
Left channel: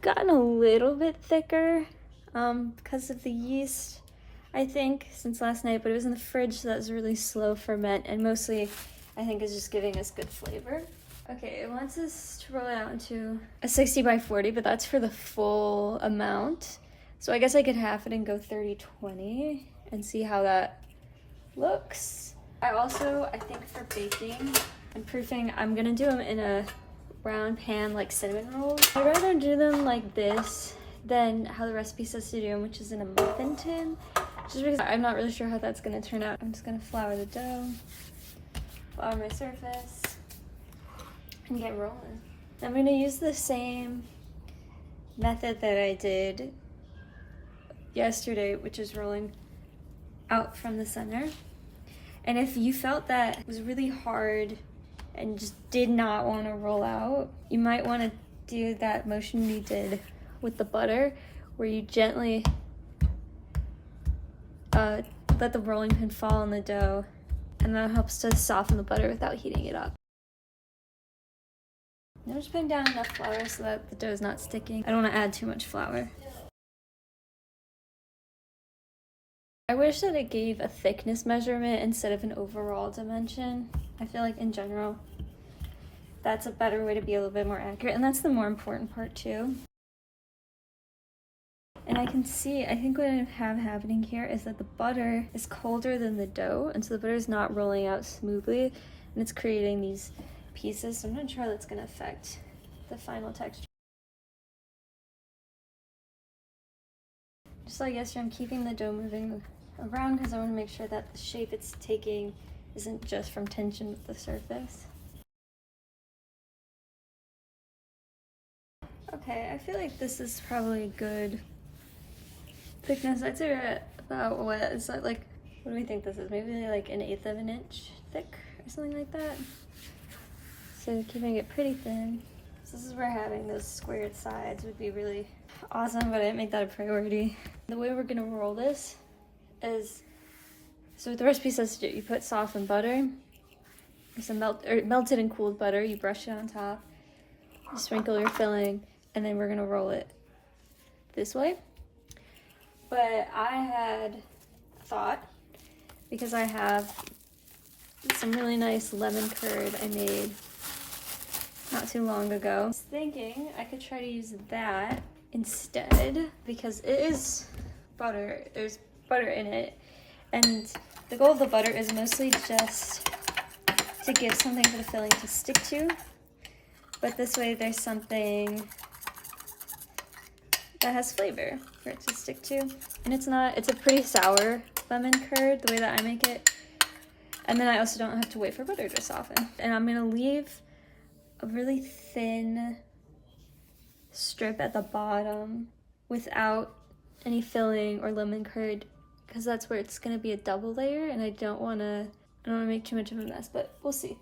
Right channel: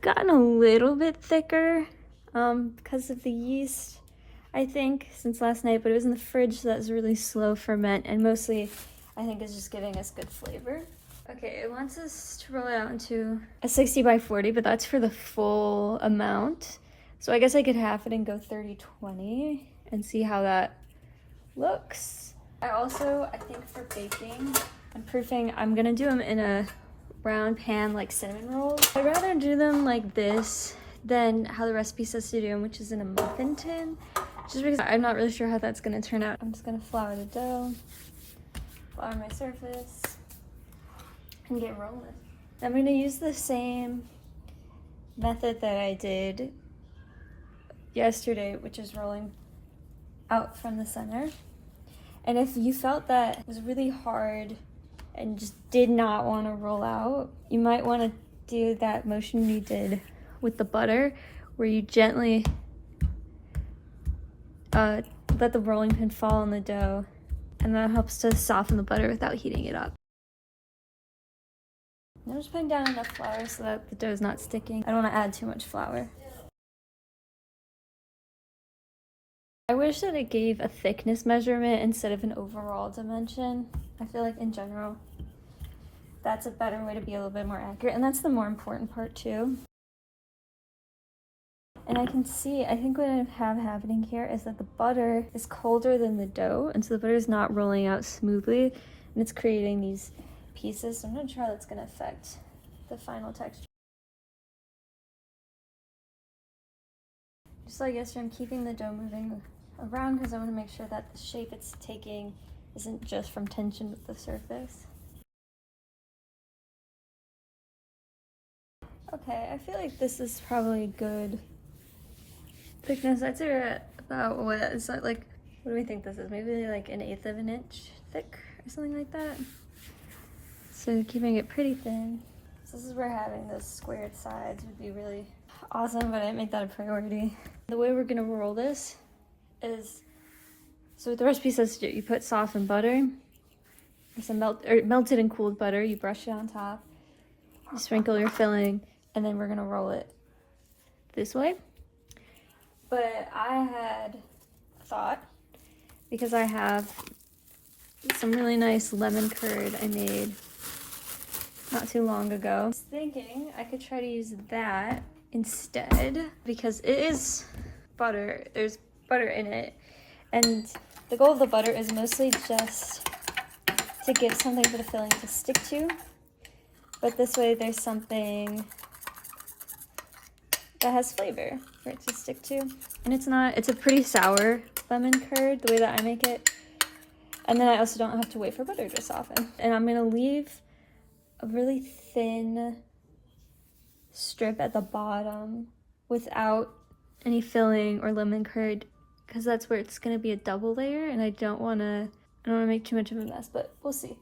Gotten a little bit thicker because of the yeast, I think, since last night, but it was in the fridge, so that was really slow ferment, and mostly I think is just giving us good flavor. Okay, it wants us to roll it out into a 60 by 40, but that's for the full amount. So I guess I could half it and go 30-20 and see how that looks. I think for baking and proofing, I'm gonna do them in a round pan like cinnamon rolls. I'd rather do them like this than how the recipe says to do them, which is in a muffin tin, just because I'm not really sure how that's gonna turn out. I'm just gonna flour the dough, flour my surface, and get rolling. I'm gonna use the same method that I did yesterday, which is rolling out from the center. And if you felt that it was really hard and just did not want to roll out, you might want to do that motion we did with the butter, where you gently let the rolling pin fall on the dough, and that helps to soften the butter without heating it up. I'm just putting down enough flour so that the dough is not sticking. I don't want to add too much flour. I wish that it gave a thickness measurement instead of an overall dimension. I feel like in general, that's a better way to be a little bit more accurate, and that's the more important part too. And I can see, I think what I have happening here is that the butter is colder than the dough, and so the butter is not rolling out smoothly, and it's creating these pieces. So I'm not sure how that's gonna affect the final texture. Just like yesterday, I'm keeping the dough moving around because I want to make sure that the shape it's taking isn't just from tension with the surface. Okay, I feel like this is probably good thickness. I'd say we're at about what is that, like, what do we think this is? Maybe like 1/8 of an inch thick or something like that. So keeping it pretty thin. So this is where having those squared sides would be really awesome, but I didn't make that a priority. The way we're gonna roll this is, so what the recipe says to do, you put softened butter, some melted and cooled butter, you brush it on top, you sprinkle your filling, and then we're gonna roll it this way. But I had thought, because I have some really nice lemon curd I made not too long ago, I was thinking I could try to use that instead, because it is butter, there's butter in it, and the goal of the butter is mostly just to give something for the filling to stick to, but this way there's something that has flavor for it to stick to, and it's a pretty sour lemon curd the way that I make it, and then I also don't have to wait for butter to soften. And I'm gonna leave a really thin strip at the bottom without any filling or lemon curd, because that's where it's gonna be a double layer, and I don't wanna make too much of a mess, but we'll see.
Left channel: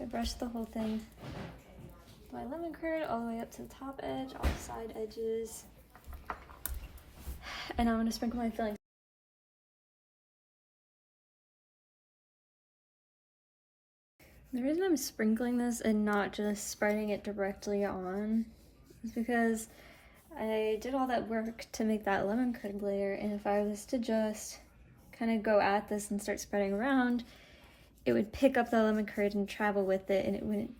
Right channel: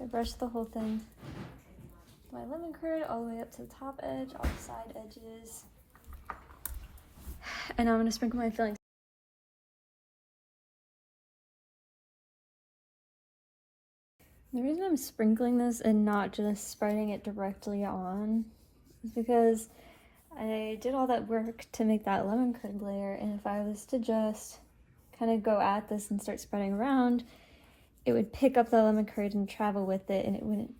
I brushed the whole thing. My lemon curd all the way up to the top edge, all the side edges. And I'm gonna sprinkle my filling. The reason I'm sprinkling this and not just spreading it directly on is because I did all that work to make that lemon curd layer, and if I was to just kind of go at this and start spreading around, it would pick up the lemon curd and travel with it, and it wouldn't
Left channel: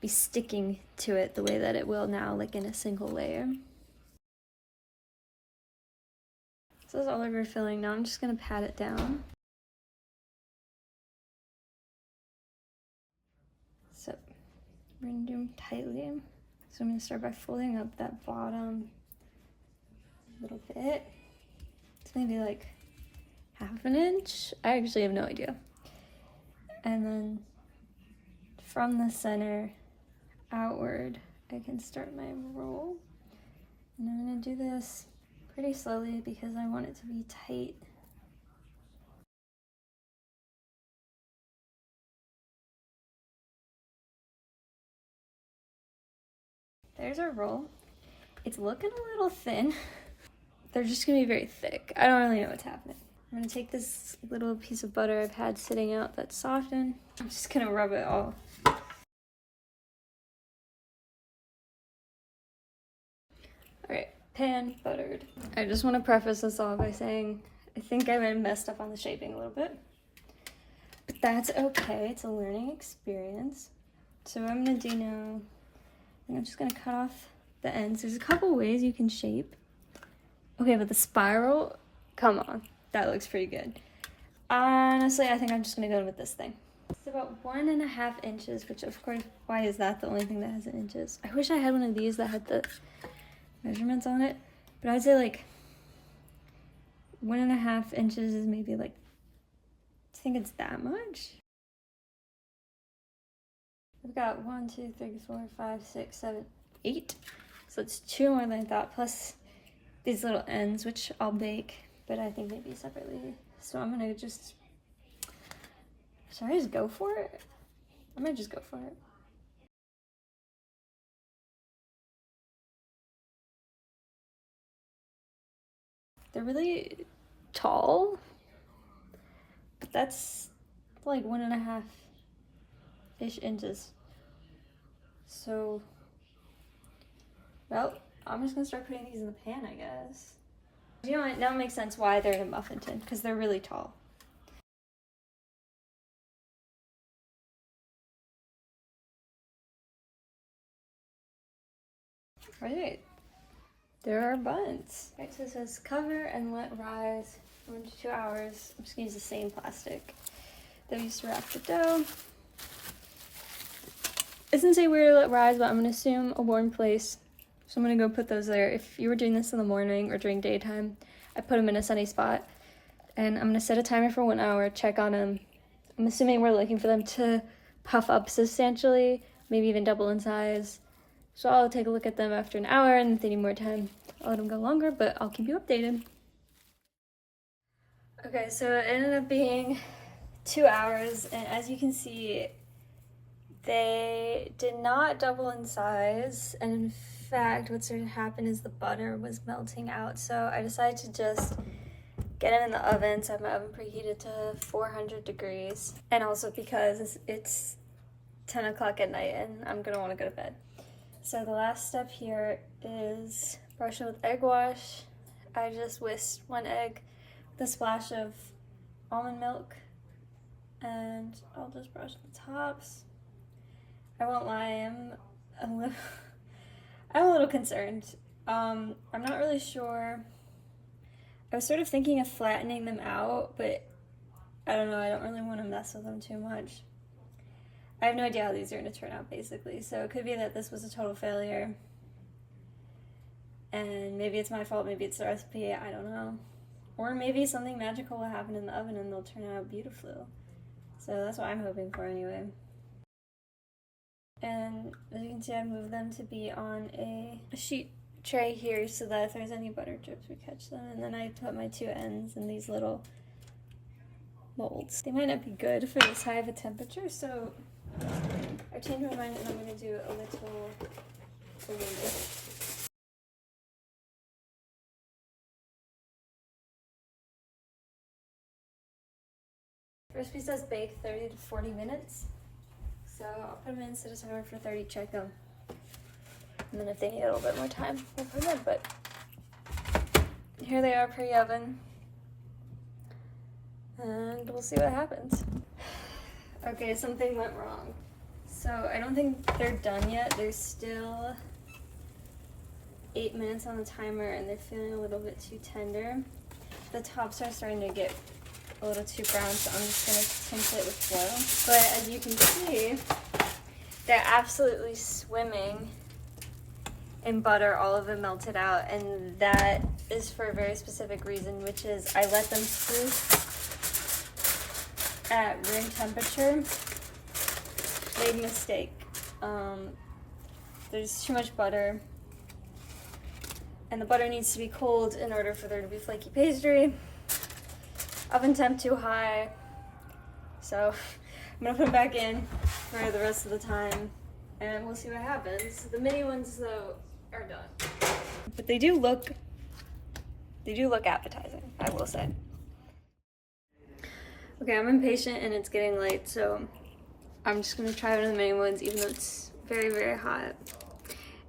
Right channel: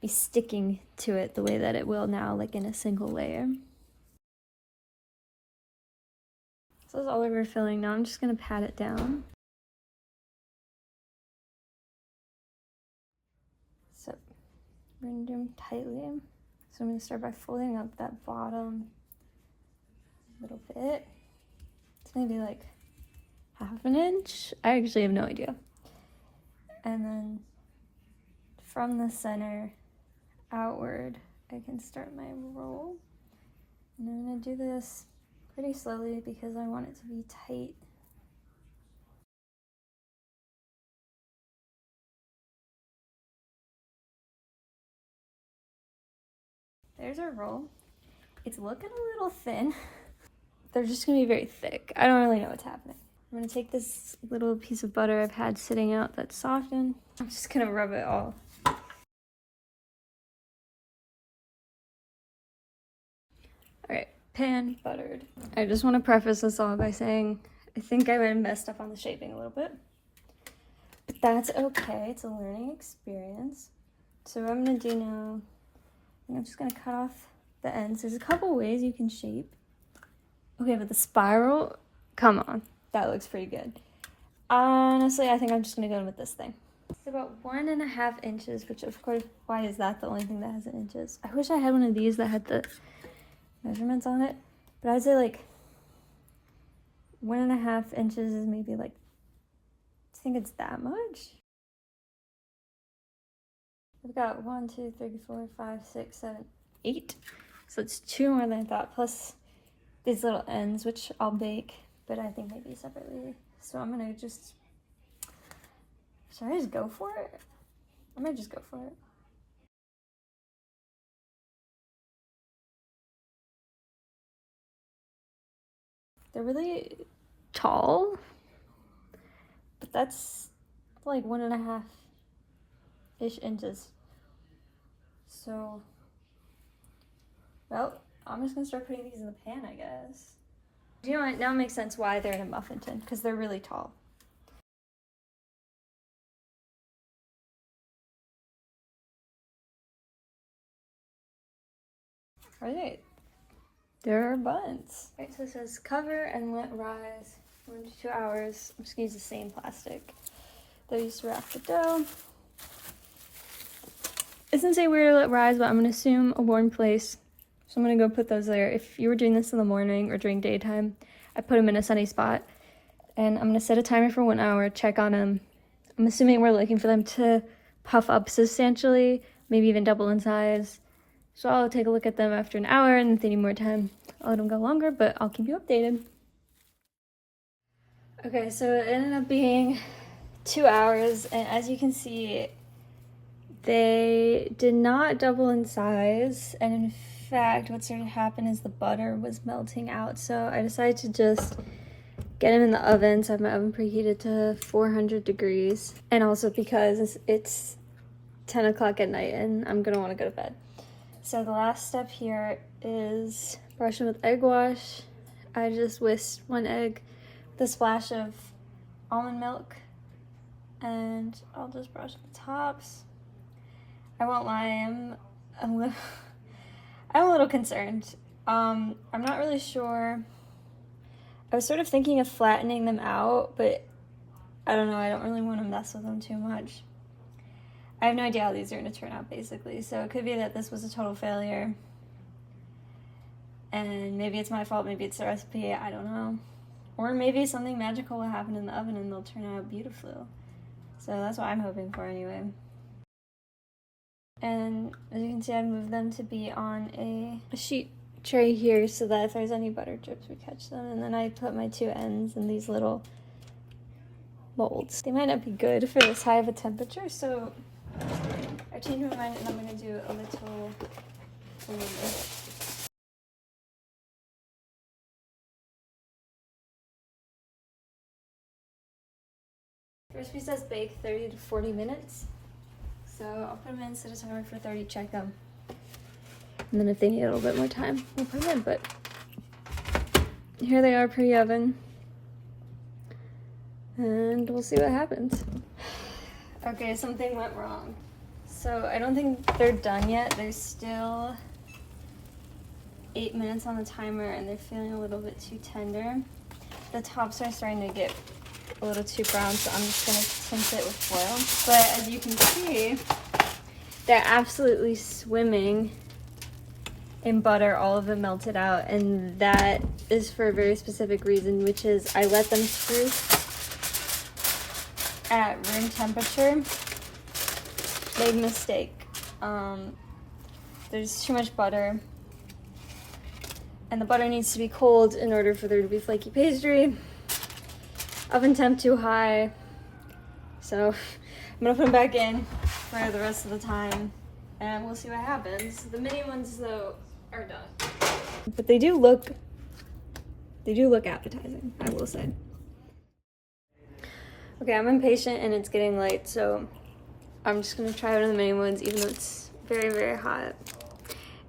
be sticking to it the way that it will now, like in a single layer. So that's all of your filling. Now I'm just gonna pat it down. So we're gonna do them tightly. So I'm gonna start by folding up that bottom a little bit. It's maybe like half an inch. I actually have no idea. And then from the center outward, I can start my roll. And I'm gonna do this pretty slowly because I want it to be tight. There's our roll. It's looking a little thin. They're just gonna be very thick. I don't really know what's happening. I'm gonna take this little piece of butter I've had sitting out that's softened. I'm just gonna rub it all. All right, pan buttered. I just want to preface this off by saying I think I might have messed up on the shaping a little bit, but that's okay. It's a learning experience. So what I'm gonna do now, I'm just gonna cut off the ends. There's a couple ways you can shape. Okay, but the spiral, come on, that looks pretty good. Honestly, I think I'm just gonna go with this thing. It's about 1.5 inches, which of course, why is that the only thing that has an inches? I wish I had one of these that had the measurements on it, but I'd say like 1.5 inches is maybe like, I think it's that much. We've got 1, 2, 3, 4, 5, 6, 7, 8. So it's 2 more than I thought, plus these little ends, which I'll bake, but I think maybe separately. So I'm gonna just, should I just go for it? I might just go for it. They're really tall, but that's like 1.5-ish inches. So, well, I'm just gonna start putting these in the pan, I guess. You know what, now it makes sense why they're in a muffin tin, because they're really tall. All right, there are buns. All right, so it says cover and let rise for 1 to 2 hours. I'm just gonna use the same plastic that I used to wrap the dough. It doesn't say where to let rise, but I'm gonna assume a warm place. So I'm gonna go put those there. If you were doing this in the morning or during daytime, I put them in a sunny spot. And I'm gonna set a timer for 1 hour, check on them. I'm assuming we're looking for them to puff up substantially, maybe even double in size. So I'll take a look at them after an hour, and if they need more time, I'll let them go longer, but I'll keep you updated. Okay, so it ended up being 2 hours, and as you can see, they did not double in size, and in fact, what started to happen is the butter was melting out, so I decided to just get them in the oven. So I have my oven preheated to 400 degrees, and also because it's 10 o'clock at night and I'm gonna want to go to bed. So the last step here is brushing with egg wash. I just whisked 1 egg with a splash of almond milk, and I'll just brush the tops. I won't lie, I'm a little concerned. I'm not really sure. I was sort of thinking of flattening them out, but I don't know, I don't really want to mess with them too much. I have no idea how these are going to turn out, basically, so it could be that this was a total failure. And maybe it's my fault, maybe it's the recipe, I don't know. Or maybe something magical will happen in the oven and they'll turn out beautiful. So that's what I'm hoping for anyway. And as you can see, I've moved them to be on a sheet tray here so that if there's any butter drips, we catch them. And then I put my 2 ends in these little molds. They might not be good for this high of a temperature, so I changed my mind and I'm going to do a little balloon. Recipe says bake 30 to 40 minutes. So I'll put them in, set a timer for 30, check them. And then if they need a little bit more time, we'll put them in. But here they are pre-oven. And we'll see what happens. Okay, something went wrong. So I don't think they're done yet. There's still 8 minutes on the timer and they're feeling a little bit too tender. The tops are starting to get a little too brown, so I'm just gonna tint it with foil. But as you can see, they're absolutely swimming in butter, all of it melted out, and that is for a very specific reason, which is I let them proof at room temperature. Made a mistake. There's too much butter, and the butter needs to be cold in order for there to be flaky pastry. Oven temp too high, so I'm gonna put them back in for the rest of the time and we'll see what happens. The mini ones though are done, but they do look appetizing, I will say. Okay, I'm impatient and it's getting late, so I'm just gonna try one of the mini ones even though it's very, very hot.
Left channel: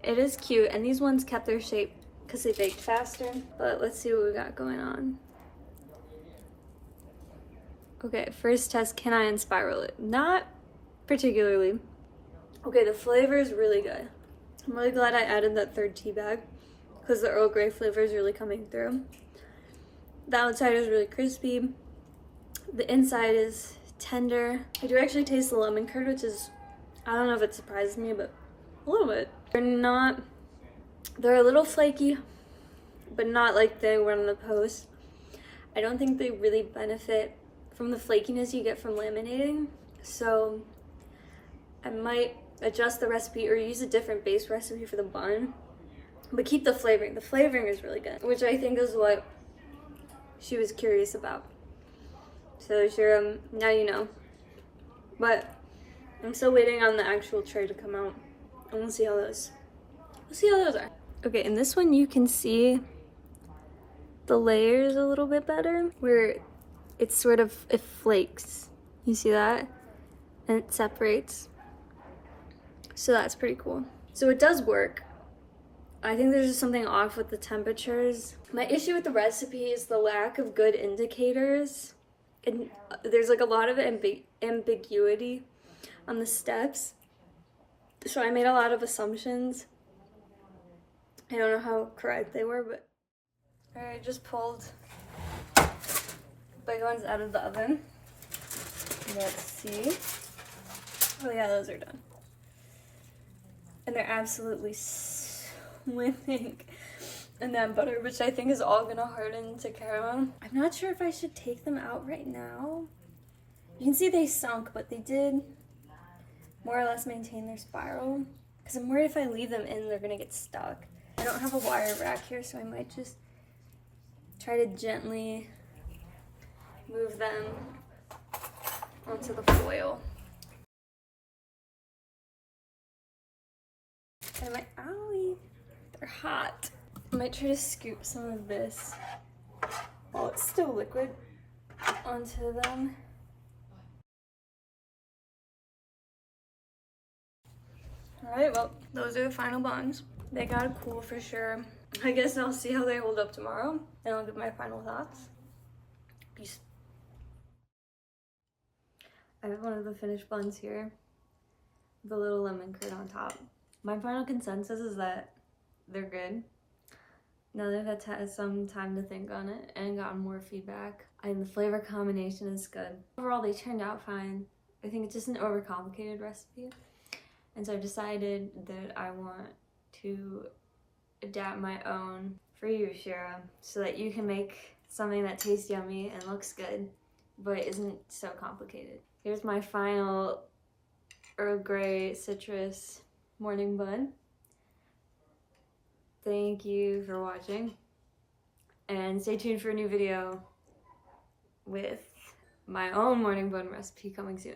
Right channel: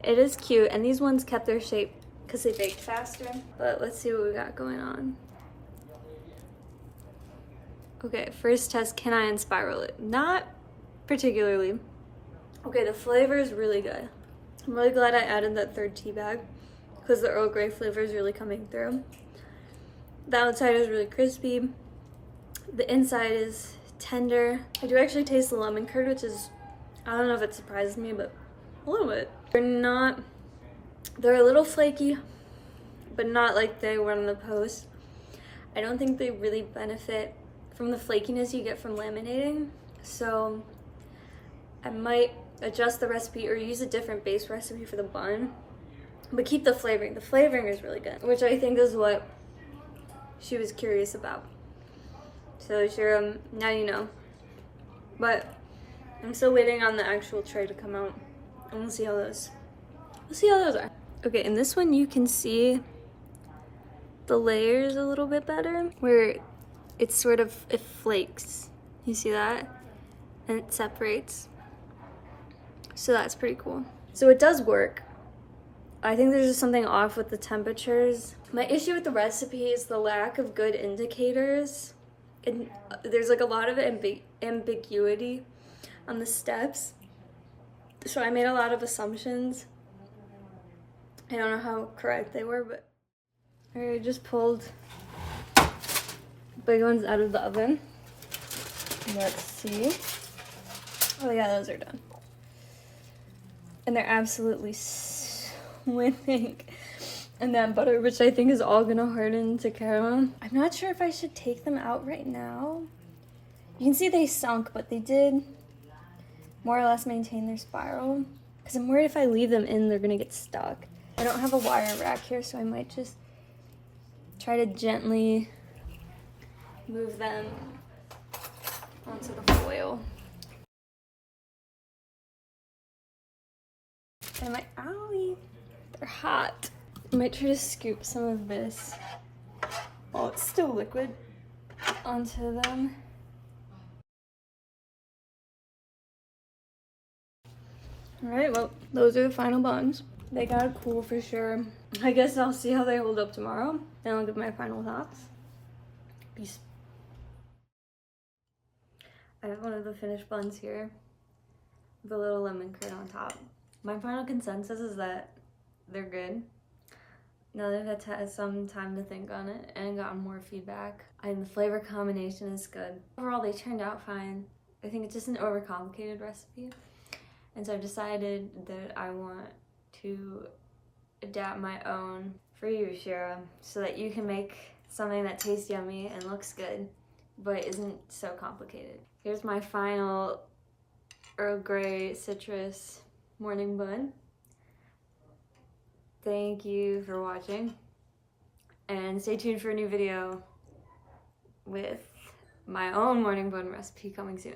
It is cute, and these ones kept their shape because they baked faster, but let's see what we got going on. Okay, first test, can I unspiral it? Not particularly. Okay, the flavor is really good. I'm really glad I added that 3rd tea bag because the Earl Grey flavor is really coming through. The outside is really crispy. The inside is tender. I do actually taste the lemon curd, which is, I don't know if it surprises me, but a little bit. They're a little flaky, but not like they were on the post. I don't think they really benefit from the flakiness you get from laminating, so I might adjust the recipe or use a different base recipe for the bun, but keep the flavoring. The flavoring is really good, which I think is what she was curious about. So Shira, now you know. But I'm still waiting on the actual tray to come out, and we'll see how those are. Okay, in this one you can see the layers a little bit better, where it's sort of, it flakes. You see that? And it separates. So that's pretty cool. So it does work. I think there's just something off with the temperatures. My issue with the recipe is the lack of good indicators. And there's like a lot of ambiguity on the steps. So I made a lot of assumptions. I don't know how correct they were, but I just pulled big ones out of the oven. Let's see. Oh yeah, those are done. And they're absolutely swimming in that butter, which I think is all gonna harden to caramel. I'm not sure if I should take them out right now. You can see they sunk, but they did more or less maintain their spiral. Because I'm worried if I leave them in, they're gonna get stuck. I don't have a wire rack here, so I might just try to gently move them onto the foil. And I'm like, owie, they're hot. I might try to scoop some of this while it's still liquid onto them. All right, well, those are the final buns. They gotta cool for sure. I guess I'll see how they hold up tomorrow, and I'll give my final thoughts. Peace. I have one of the finished buns here with a little lemon curd on top. My final consensus is that they're good. Now they've had some time to think on it and gotten more feedback. And the flavor combination is good. Overall, they turned out fine. I think it's just an overcomplicated recipe. And so I've decided that I want to adapt my own for you, Shira, so that you can make something that tastes yummy and looks good, but isn't so complicated. Here's my final Earl Grey citrus morning bun. Thank you for watching, and stay tuned for a new video with my own morning bun recipe coming soon.